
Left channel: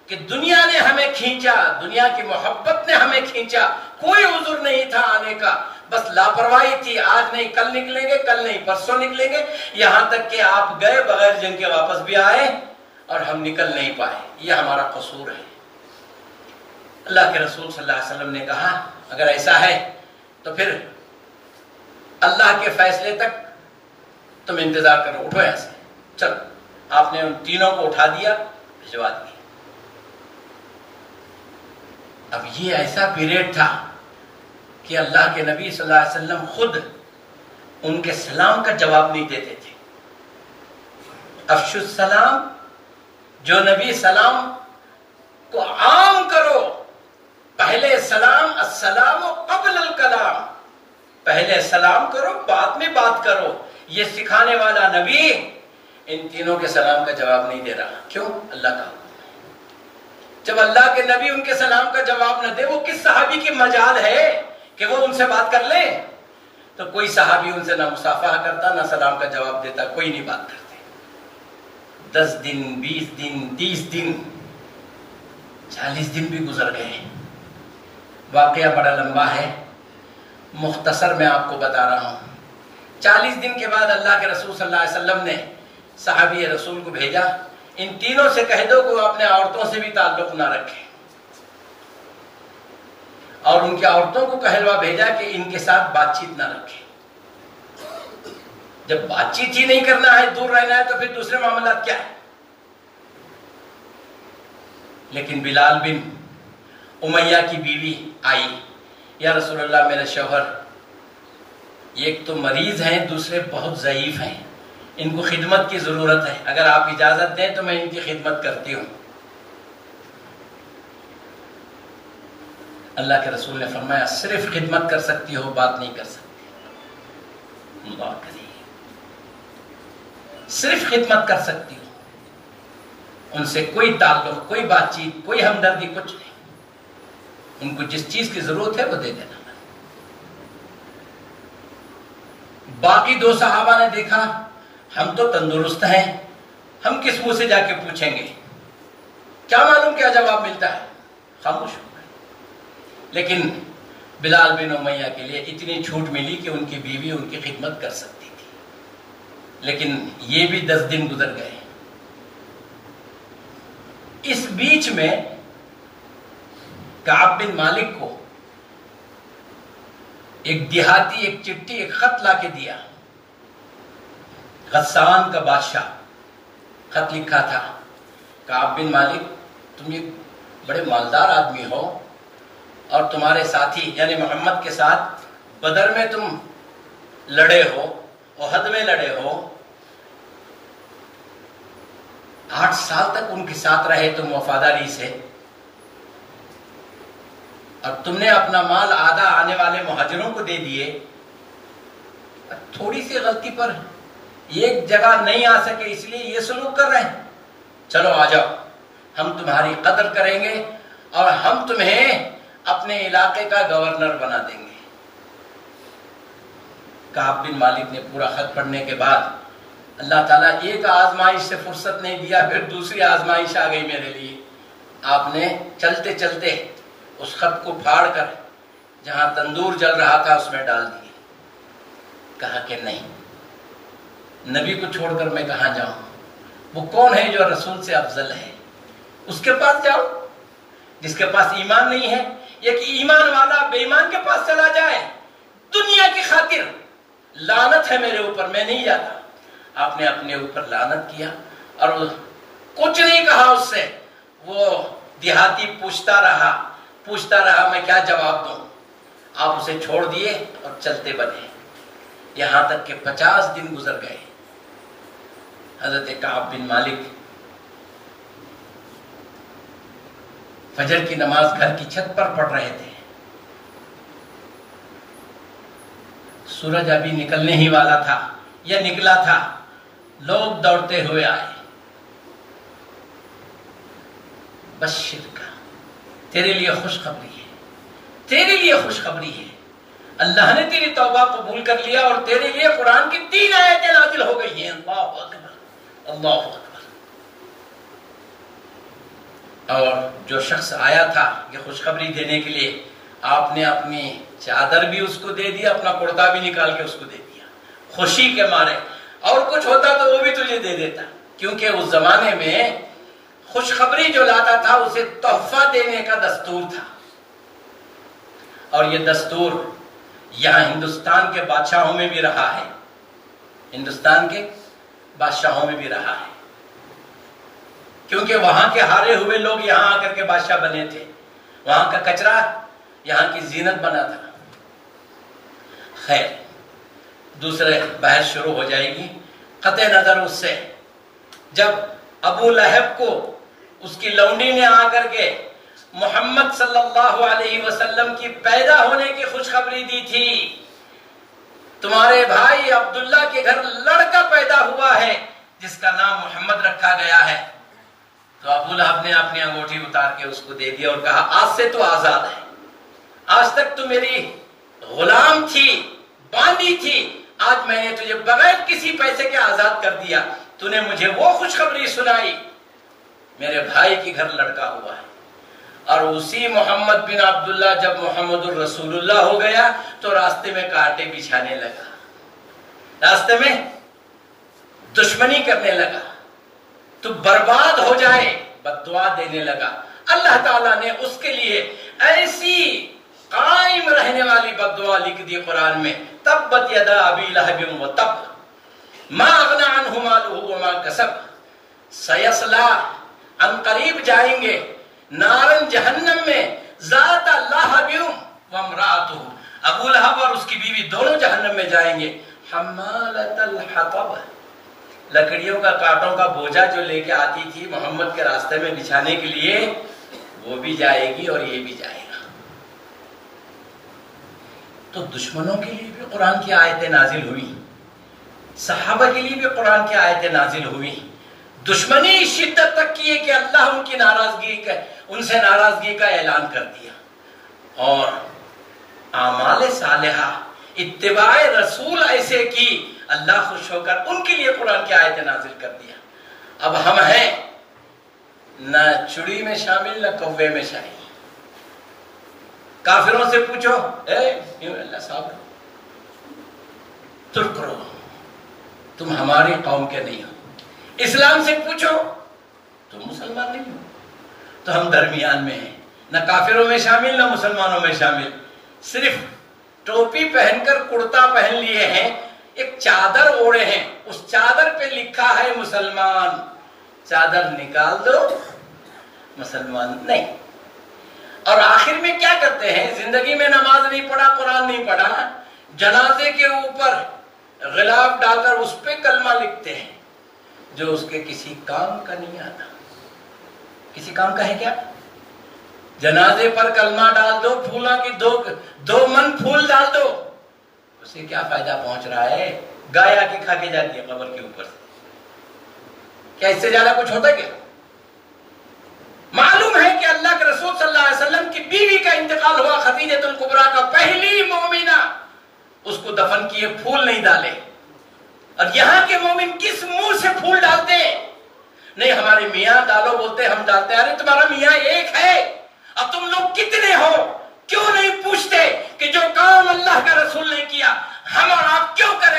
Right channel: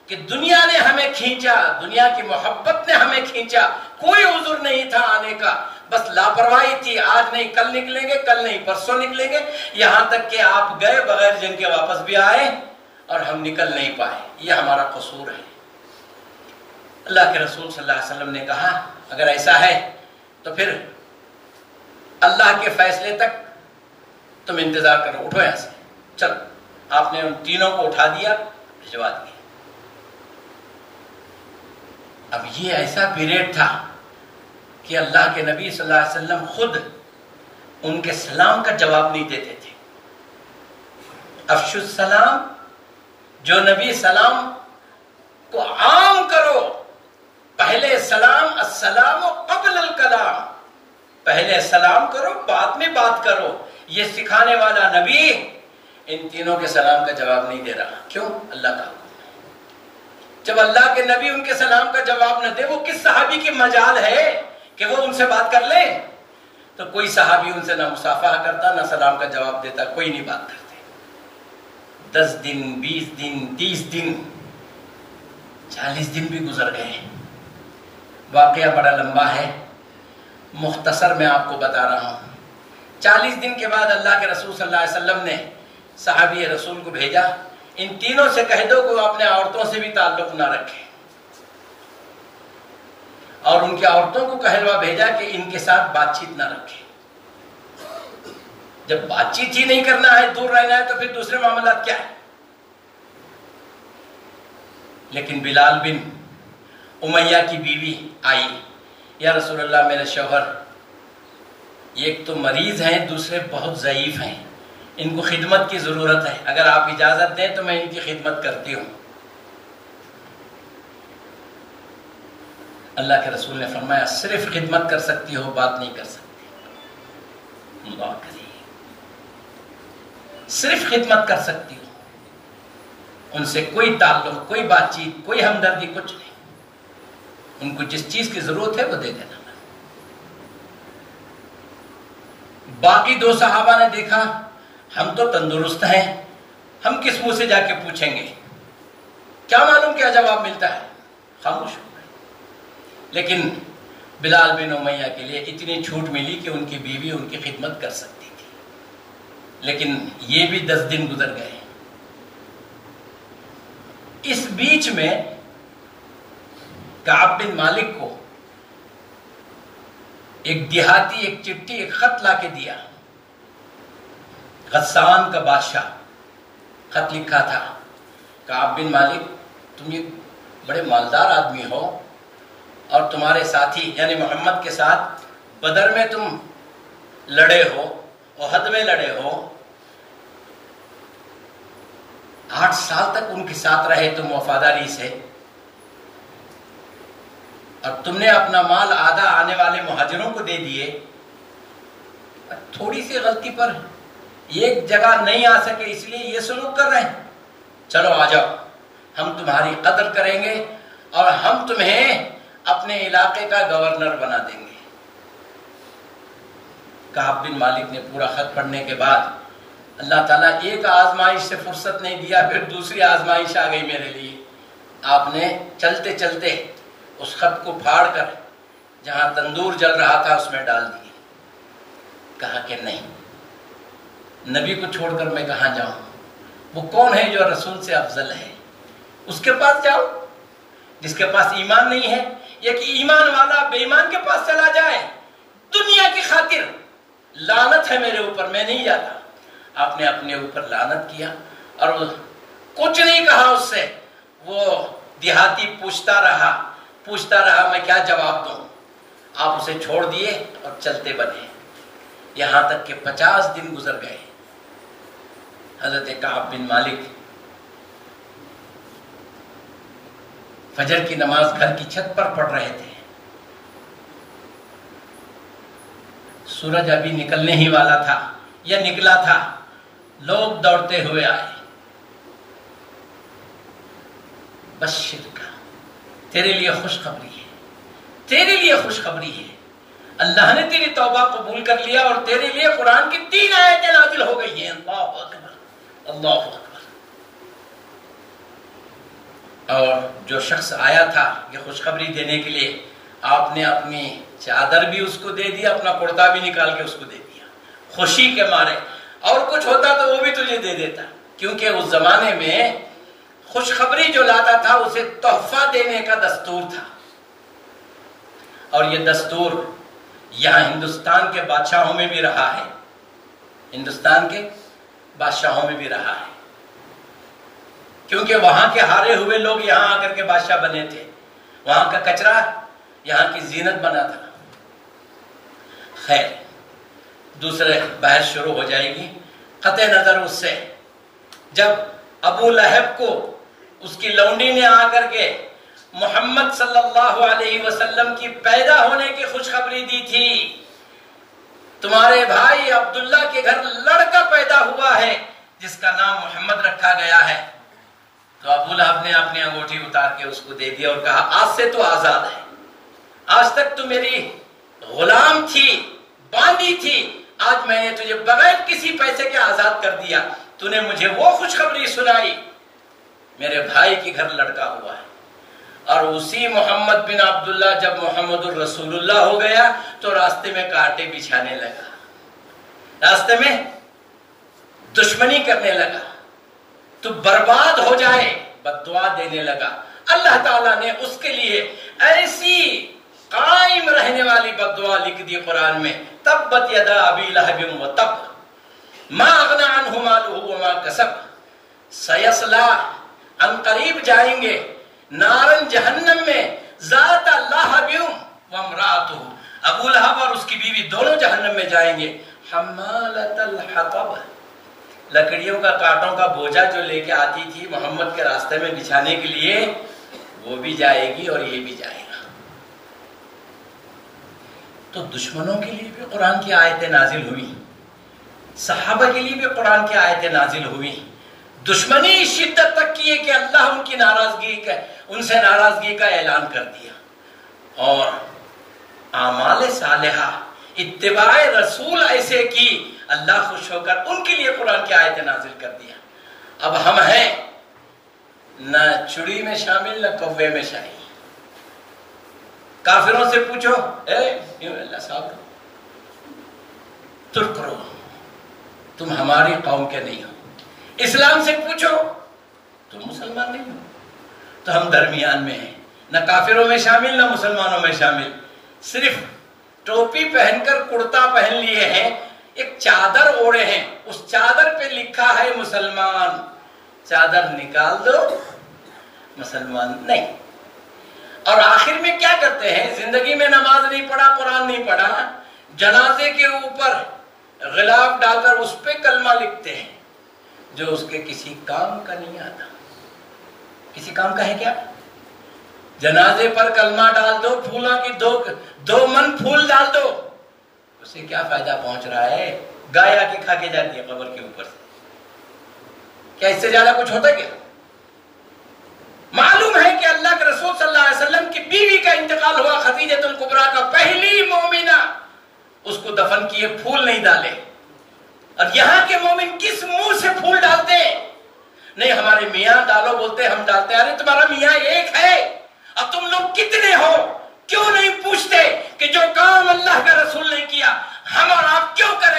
کہ دنیا نے ہمیں کھینچا، دنیا کی محبت نے ہمیں کھینچا. کوئی عذر نہیں تھا آنے کا، بس لاپرواہی تھی. آج نہیں کل نکلیں گے، کل نہیں پرسوں نکلیں گے، یہاں تک کہ آپ گئے بغیر جن کے واپس بھی آئے اور ہم نکل نہیں پائے. یہ ہمارا قصور ہے. اللہ کے رسول صلی اللہ علیہ وسلم نے کہا اگر ایسا ہے تو پھر اللہ کے فیصلے تک تم انتظار کرو، اٹھو یہاں سے چلو. آپ نے ان تینوں کو اٹھا دیا، بھجوا دیا. اب یہ ایسا پیریڈ تھا کہ اللہ کے نبی صلی اللہ علیہ وسلم خود ان کے سلام کا جواب نہیں دیتے تھے. افشوا السلام، جو نبی سلام کو عام کرو. پہلے سلام، السلام قبل الکلام، پہلے سلام کرو بعد میں بات کرو. یہ سکھانے والا نبی ان تینوں کے سلام کا جواب نہیں دے رہا. کیوں؟ اللہ کا. جب اللہ کے نبی ان کے سلام کا جواب نہ دے، وہ کس صحابی کی مجال ہے کہ وہ ان سے بات کر لیں؟ تو کوئی صحابی ان سے نہ مصافحہ کرتا نہ سلام کا جواب دیتا، کوئی نہیں بات کرتے. 10 دن 20 دن 30 دن 40 دن بھی گزر گئے. واقعہ بڑا لمبا ہے، مختصر میں آپ کو بتا رہا ہوں. 40 دن کے بعد اللہ کے رسول صلی اللہ علیہ وسلم نے صحابی رسول کو بھیجا، ان تینوں سے کہہ دو کہ وہ اپنے عورتوں سے بھی تعلق نہ رکھیں. اور ان کی عورتوں کو کہلوا بھیجا کہ ان کے ساتھ بات چیت نہ رکھیں. جب بات چیت ہی نہیں کرنا ہے، دور رہنا ہے، تو پھر دوسرے معاملات کیا ہے؟ لیکن بلال بن امیہ کی بیوی آئی، یا رسول اللہ میرے شوہر ایک تو مریض ہیں، دوسرے بہت ضعیف ہیں، ان کو خدمت کی ضرورت ہے، اگر آپ اجازت دیں تو میں ان کی خدمت کرتی ہوں. اللہ کے رسول نے فرمایا صرف خدمت کر سکتی ہو، بات نہیں کر سکتی. اللہ کرے، صرف خدمت کر سکتی ہو، ان سے کوئی تعلق، کوئی بات چیت، کوئی ہمدردی، کچھ نہیں. ان کو جس چیز کی ضرورت ہے وہ دے دینا. باقی 2 صحابہ نے دیکھا ہم تو تندرست ہیں، ہم کس منہ سے جا کے پوچھیں گے، کیا معلوم کیا جواب ملتا ہے، خاموش ہو گئے. لیکن بلال بن امیہ کے لیے اتنی چھوٹ ملی کہ ان کی بیوی ان کی خدمت کر سکتی تھی. لیکن یہ بھی 10 دن گزر گئے. اس بیچ میں کعب بن مالک کو ایک دیہاتی ایک چٹھی، ایک خط لا کے دیا. غسان کا بادشاہ خط لکھا تھا، کعب بن مالک تم یہ بڑے مالدار آدمی ہو اور تمہارے ساتھی یعنی محمد کے ساتھ بدر میں تم لڑے ہو، احد میں لڑے ہو، 8 سال تک ان کے ساتھ رہے تم وفاداری سے، اور تم نے اپنا مال آدھا آنے والے مہاجروں کو دے دیے. تھوڑی سی غلطی پر ایک جگہ نہیں آ سکے اس لیے یہ سلوک کر رہے ہیں. چلو آ جاؤ، ہم تمہاری قدر کریں گے اور ہم تمہیں اپنے علاقے کا گورنر بنا دیں گے. کعب بن مالک نے پورا خط پڑھنے کے بعد اللہ تعالیٰ ایک آزمائش سے فرصت نہیں دیا، پھر دوسری آزمائش آ گئی میرے لیے. آپ نے چلتے چلتے اس خط کو پھاڑ کر جہاں تندور جل رہا تھا اس میں ڈال دی. کہا کہ نہیں، نبی کو چھوڑ کر میں کہاں جاؤں؟ وہ کون ہے جو رسول سے افضل ہے؟ اس کے پاس جاؤ جس کے پاس ایمان نہیں ہے، یا کہ ایمان والا بے ایمان کے پاس چلا جائے؟ دنیا کی خاطر لعنت ہے میرے اوپر، میں نہیں جاتا۔ آپ نے اپنے اوپر لعنت کیا اور کچھ نہیں کہا اس سے۔ وہ دیہاتی پوچھتا رہا میں کیا جواب دوں؟ آپ اسے چھوڑ دیے اور چلتے بنے، یہاں تک کہ 50 دن گزر گئے۔ حضرت کعب بن مالک فجر کی نماز گھر کی چھت پر پڑھ رہے تھے، سورج ابھی نکلنے ہی والا تھا یا نکلا تھا، لوگ دوڑتے ہوئے آئے، بشر کا تیرے لیے خوشخبری ہے، تیرے لیے خوشخبری ہے، اللہ نے تیری توبہ قبول کر لیا اور تیرے لیے قرآن کی 3 آیتیں نازل ہو گئی ہیں۔ اللہ اکبر، اللہ اکبر۔ اور جو شخص آیا تھا یہ خوشخبری دینے کے لیے، آپ نے اپنی چادر بھی اس کو دے دیا، اپنا کرتا بھی نکال کے اس کو دے دیا خوشی کے مارے۔ اور کچھ ہوتا تو وہ بھی تجھے دے دیتا، کیونکہ اس زمانے میں خوشخبری جو لاتا تھا اسے تحفہ دینے کا دستور تھا، اور یہ دستور یہاں ہندوستان کے بادشاہوں میں بھی رہا ہے، ہندوستان کے بادشاہوں میں بھی رہا ہے، کیونکہ وہاں کے ہارے ہوئے لوگ یہاں آ کر کے بادشاہ بنے تھے، وہاں کا کچرا یہاں کی زینت بنا تھا۔ خیر، دوسرے بحث شروع ہو جائے گی۔ قطع نظر اس سے، جب ابو لہب کو اس کی لونڈی نے آ کر کے محمد صلی اللہ علیہ وسلم کی پیدا ہونے کی خوشخبری دی تھی، تمہارے بھائی عبداللہ کے گھر لڑکا پیدا ہوا ہے جس کا نام محمد رکھا گیا ہے، تو ابو لہب نے اپنی انگوٹھی اتار کے اس کو دے دیا اور کہا آج سے تو آزاد ہے، آج تک تو میری غلام تھی، باندھی تھی، آج میں نے تجھے بغیر کسی پیسے کے آزاد کر دیا، تو نے مجھے وہ خوشخبری سنائی، میرے بھائی کے گھر لڑکا ہوا ہے۔ اور اسی محمد بن عبداللہ جب محمد الرسول اللہ ہو گیا تو راستے میں کانٹے بچھانے لگا، راستے میں دشمنی کرنے لگا، تو برباد ہو جائے بد دعا دینے لگا۔ اللہ تعالیٰ نے اس کے لیے ایسی قائم رہنے والی بد دعا لکھ دی قرآن میں، تبت یدا ابی لہب وتب ما اغنی عنہ مالہ وما کسب سیصلی، ان قریب جائیں گے نارن جہنم میں، ذات لہب وامرأتہ، ابو لہب اور اس کی بیوی دونوں جہنم میں جائیں گے، حمالۃ الحطب، لکڑیوں کا کانٹوں کا بوجھا جو لے کے آتی تھی محمد کے راستے میں بچھانے کے لیے، وہ بھی جائے گی اور یہ بھی جائے گا۔ تو دشمنوں کے لیے بھی قرآن کی آیتیں نازل ہوئی، صحابہ کے لیے بھی قرآن کی آیتیں نازل ہوئی، دشمنی اس شدت تک کی ہے کہ اللہ ان کی ناراضگی کا، ان سے ناراضگی کا اعلان کر دیا، اور اعمال صالحہ اتباع رسول ایسے کی اللہ خوش ہو کر ان کے لیے قرآن کی آیتیں نازل کر دیا۔ اب ہم ہیں نہ چڑی میں شامل نہ کوے میں شامل۔ کافروں سے پوچھو، اللہ صاحب ترک کرو، تم ہماری قوم کے نہیں ہو۔ اسلام سے پوچھو، تم مسلمان نہیں ہو، تو ہم درمیان میں ہیں، نہ کافروں میں شامل نہ مسلمانوں میں شامل، صرف ٹوپی پہن کر کرتا پہن لیے ہیں، ایک چادر اوڑے ہیں، اس چادر پہ لکھا ہے مسلمان، چادر نکال دو مسلمان نہیں۔ اور آخر میں کیا کرتے ہیں؟ زندگی میں نماز نہیں پڑھا، قرآن نہیں پڑھا، جنازے کے اوپر غلاف ڈال کر اس پہ کلمہ لکھتے ہیں جو اس کے کسی کام کا نہیں آتا۔ کسی کام کا ہے کیا؟ جنازے پر کلمہ ڈال دو، پھولوں کی دو من پھول ڈال دو، اسے کیا فائدہ پہنچ رہا ہے؟ گائے آ کے کھا کے جاتی ہے قبر کے اوپر سے، کیا اس سے زیادہ کچھ ہوتا ہے کیا؟ معلوم ہے کہ اللہ کے رسول صلی اللہ علیہ وسلم کی بیوی کا انتقال ہوا، خدیجہ الکبریٰ کا، پہلی مومنہ، اس کو دفن کیے، پھول نہیں ڈالے۔ اور یہاں کے مومن کس منہ سے پھول ڈالتے؟ نہیں ہمارے میاں ڈالو بولتے، ہم ڈالتے۔ ارے تمہارا میاں ایک ہے اور تم لوگ کتنے ہو؟ کیوں نہیں پوچھتے کہ جو کام اللہ کا رسول نے کیا ہم اور آپ کیوں کریں؟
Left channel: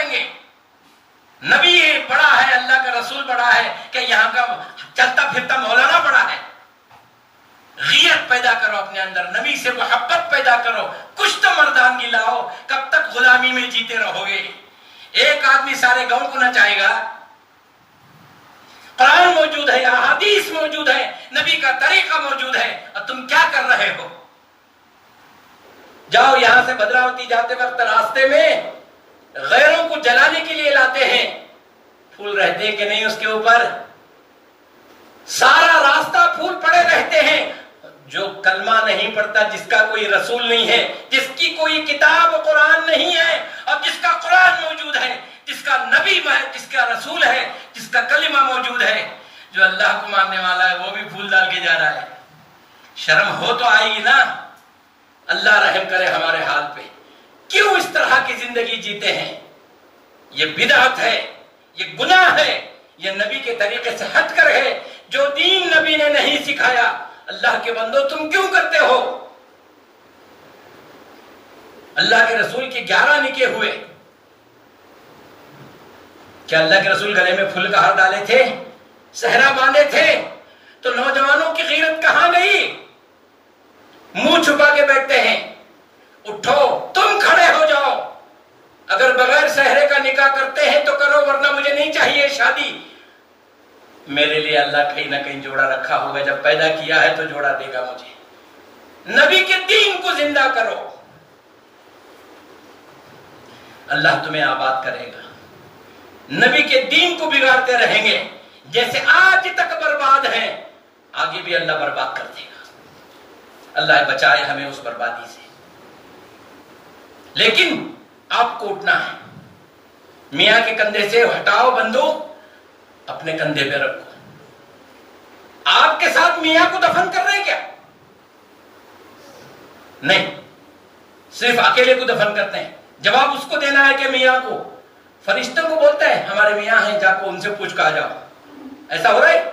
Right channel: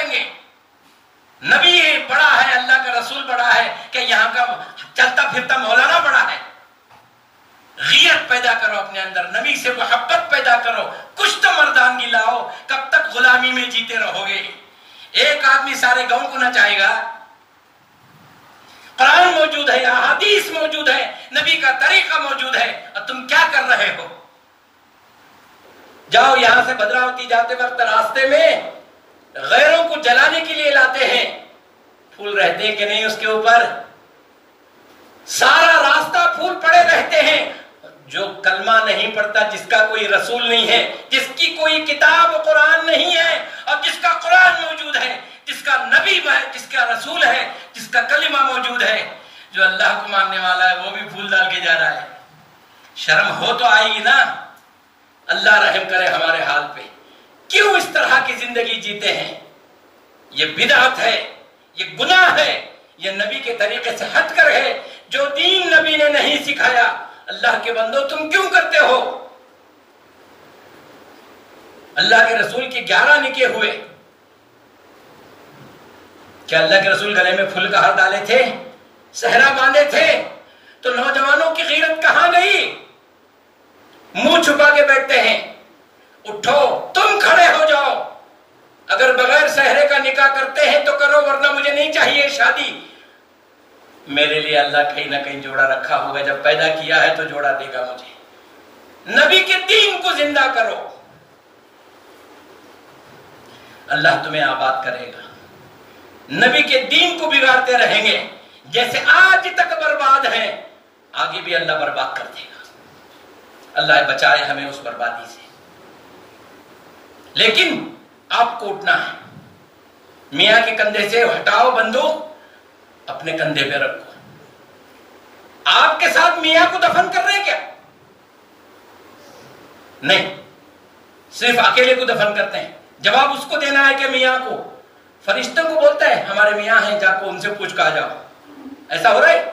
اپنے اندر، نبی سے محبت پیدا کرو، کچھ تو مردانگی لاؤ، کب تک غلامی میں جیتے رہو گے؟ ایک آدمی سارے گاؤں کو نہ چاہے گا؟ قرآن موجود ہے، احادیث موجود ہے، نبی کا طریقہ موجود ہے، اور تم کیا کر رہے ہو؟ جاؤ یہاں سے بھدراوتی جاتے وقت راستے میں غیروں کو جلانے کے لیے لاتے ہیں، پھول رہتے ہیں کہ نہیں اس کے اوپر؟ سارا راستہ پھول پڑے رہتے ہیں۔ جو کلمہ نہیں پڑھتا، جس کا کوئی رسول نہیں ہے، جس کی کوئی کتاب قرآن نہیں ہے، اور جس کا قرآن موجود ہے، جس کا نبی ہے، جس کا رسول ہے، جس کا کلمہ موجود ہے، جو اللہ کو ماننے والا ہے، وہ بھی پھول ڈال کے جا رہا ہے۔ شرم ہو تو آئے گی نا؟ اللہ رحم کرے ہمارے حال پہ۔ کیوں اس طرح کی زندگی جیتے ہیں؟ یہ بدعت ہے، یہ گناہ ہے، یہ نبی کے طریقے سے ہٹ کر ہے۔ جو دین نبی نے نہیں سکھایا، اللہ کے بندو تم کیوں کرتے ہو؟ اللہ کے رسول کے 11 نکاح ہوئے، کیا اللہ کے رسول گلے میں پھول کا ہار ڈالے تھے؟ صحرا باندھے تھے؟ تو نوجوانوں کی غیرت کہاں گئی؟ منہ چھپا کے بیٹھتے ہیں۔ اٹھو، تم کھڑے ہو جاؤ۔ اگر بغیر صحرے کا نکاح کرتے ہیں تو کرو، ورنہ مجھے نہیں چاہیے شادی۔ میرے لیے اللہ کہیں نہ کہیں جوڑا رکھا ہوگا، جب پیدا کیا ہے تو جوڑا دے گا مجھے۔ نبی کے دین کو زندہ کرو، اللہ تمہیں آباد کرے گا۔ نبی کے دین کو بگاڑتے رہیں گے، جیسے آج تک برباد ہیں، آگے بھی اللہ برباد کر دے گا۔ اللہ بچائے ہمیں اس بربادی سے۔ لیکن آپ کو اٹھنا ہے، میاں کے کندھے سے ہٹاؤ بندوق، اپنے کندھے پہ رکھو۔ آپ کے ساتھ میاں کو دفن کر رہے ہیں کیا؟ نہیں، صرف اکیلے کو دفن کرتے ہیں۔ جواب اس کو دینا ہے کہ میاں کو، فرشتوں کو بولتا ہے ہمارے میاں ہیں، جا کو ان سے پوچھ کہا جاؤ۔ ایسا ہو رہا ہے؟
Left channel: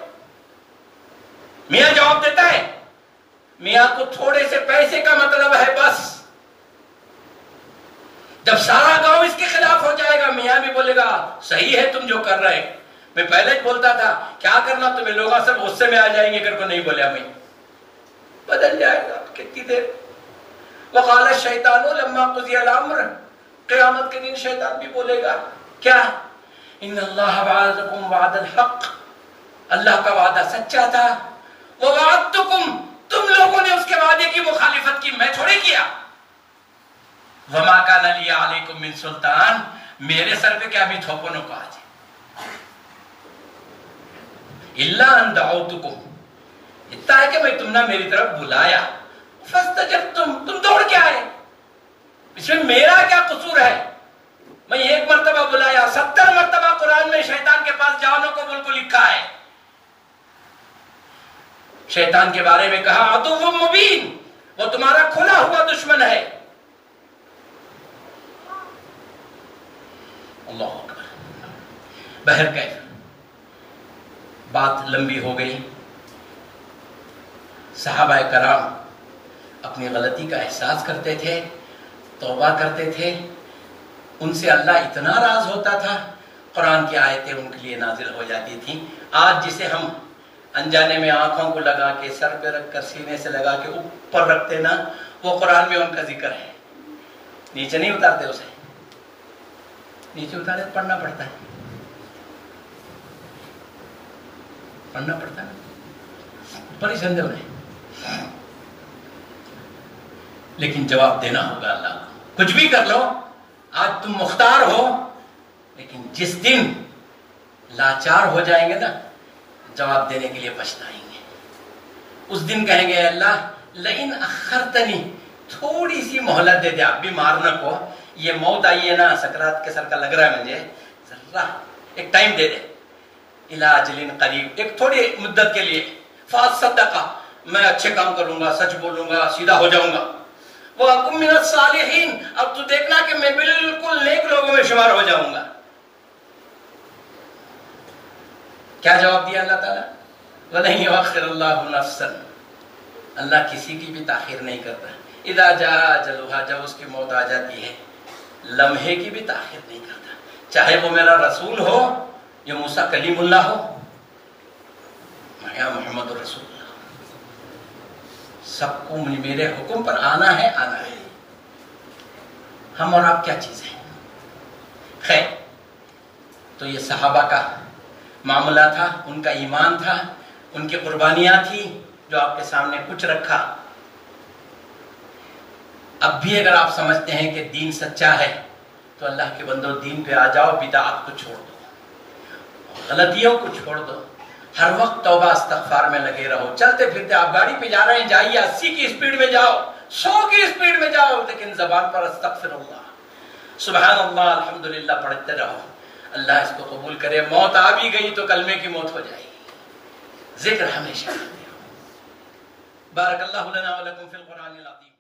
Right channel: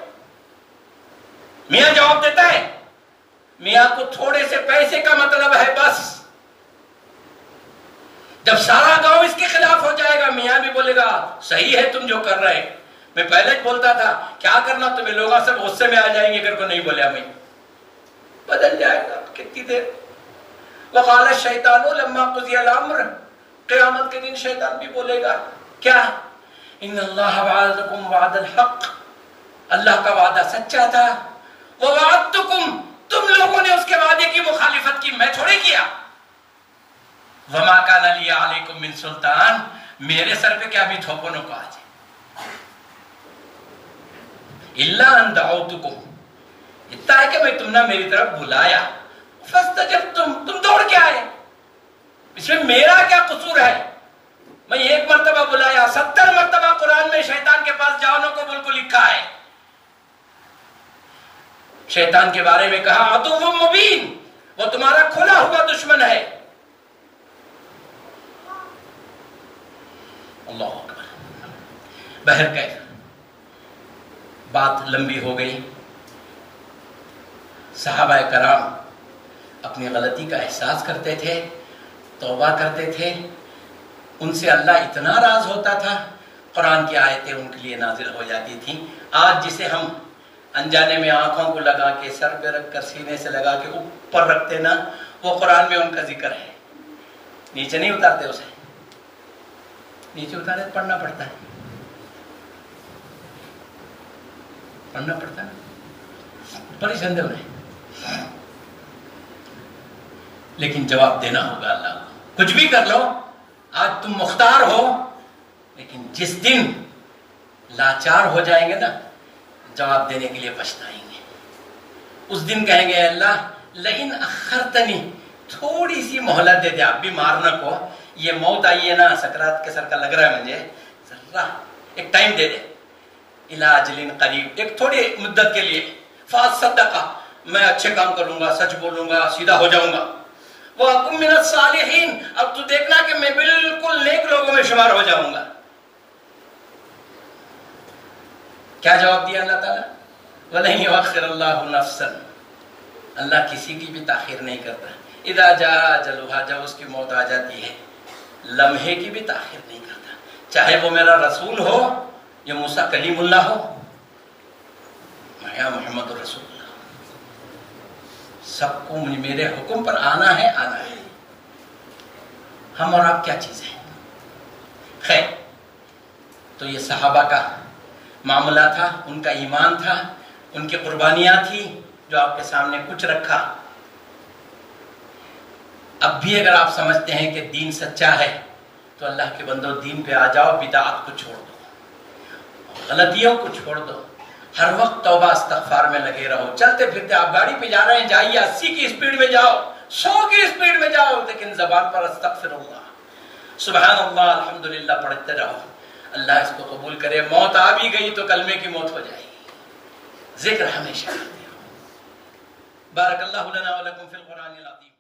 میاں جواب دیتا ہے؟ میاں کو تھوڑے سے پیسے کا مطلب ہے بس۔ جب سارا گاؤں اس کے خلاف ہو جائے گا، میاں بھی بولے گا صحیح ہے تم جو کر رہے ہیں۔ میں پہلے بولتا تھا کیا کرنا، تمہیں لوگ سب غصے میں آ جائیں گے اگر کو نہیں بولیا، میں بدل جائے گا کتنی دیر۔ وقال الشیطان لما قضی الامر، قیامت کے دن شیطان بھی بولے گا کیا؟ ان اللہ وعدکم وعد الحق، اللہ کا وعدہ سچا تھا۔ ووعدتکم، تم لوگوں نے اس کے وعدے کی مخالفت کی، میں تھوڑی کیا۔ وما کان لی علیکم من سلطان، میرے سر پہ کیا بھی تھوپو نہ کو آج۔ الا ان دعوتکم، اتنا ہے کہ میں تم نے میری طرف بلایا، فاستجبتم، تم دوڑ کے آئے۔ اس میں میرا کیا قصور ہے؟ میں ایک مرتبہ بلایا، 70 مرتبہ قرآن میں شیطان کے پاس جاؤ کو بول کو لکھا ہے۔ شیطان کے بارے میں کہا عدو مبین، وہ تمہارا کھلا ہوا دشمن ہے۔ اللہ اکبر۔ بہرکیف بات لمبی ہو گئی۔ صحابہ کرام اپنی غلطی کا احساس کرتے تھے، توبہ کرتے تھے، ان سے اللہ اتنا راض ہوتا تھا، قرآن کی آیتیں ان کے لیے نازل ہو جاتی تھیں۔ آج جسے ہم انجانے میں آنکھوں کو لگا کے، سر پہ رکھ کر، سینے سے لگا کے اوپر رکھتے نا، وہ قرآن میں ان کا ذکر ہے۔ نیچے نہیں اتارتے اسے، نیچے اتارے پڑھنا پڑتا ہے، پڑھنا پڑتا ہے، پریشان ہو رہے۔ لیکن جواب دینا ہوگا اللہ کو۔ کچھ بھی کر لو، آج تم مختار ہو، لیکن جس دن لاچار ہو جائیں گے نا، جواب دینے کے لیے پچھتائیں گے۔ اس دن کہیں گے اللہ لئن اخرتنی، تھوڑی سی مہلت دے دے، اب بھی مارنا کو، یہ موت آئی ہے نا، سکرات کے سر کا لگ رہا ہے مجھے، ذرا ایک ٹائم دے دے، الی اجل قریب، ایک تھوڑی مدت کے لیے، فاصدقہ، میں اچھے کام کروں گا، سچ بولوں گا، سیدھا ہو جاؤں گا، وَأَكُن مِّنَ الصَّالِحِينَ، اب تو دیکھنا کہ میں بالکل نیک لوگوں میں شمار ہو جاؤں گا۔ کیا جواب دیا اللہ تعالیٰ؟ وَلَن يُؤَخِّرَ اللَّهُ نَفْسًا، اللہ کسی کی بھی تاخیر نہیں کرتا۔ اِذَا جَاءَ أَجَلُهَا، جب اس کی موت آ جاتی ہے، لمحے کی بھی تاخیر نہیں کرتا، چاہے وہ میرا رسول ہو یا موسیٰ کلیم اللہ ہو یا محمد رسول اللہ سب کو میرے حکم پر آنا ہے، آنا ہے. ہم اور آپ کیا چیز ہیں؟ خیر، تو یہ صحابہ کا معاملہ تھا، ان کا ایمان تھا، ان کی قربانیاں تھی جو آپ کے سامنے کچھ رکھا. اب بھی اگر آپ سمجھتے ہیں کہ دین سچا ہے تو اللہ کے بندو دین پہ آ جاؤ، بدعات کو چھوڑ دو، غلطیوں کو چھوڑ دو، ہر وقت توبہ استغفار میں لگے رہو. چلتے پھرتے آپ گاڑی پہ جا رہے ہیں، جائیے 80 کی اسپیڈ میں جاؤ، 100 کی اسپیڈ میں جاؤ، لیکن زبان پر استغفر اللہ، سبحان اللہ، الحمدللہ پڑھتے رہو. اللہ اس کو قبول کرے. موت آ بھی گئی تو کلمے کی موت ہو جائے گی. ذکر ہمیشہ. بارک اللہ لنا ولکم فی القرآن العظیم.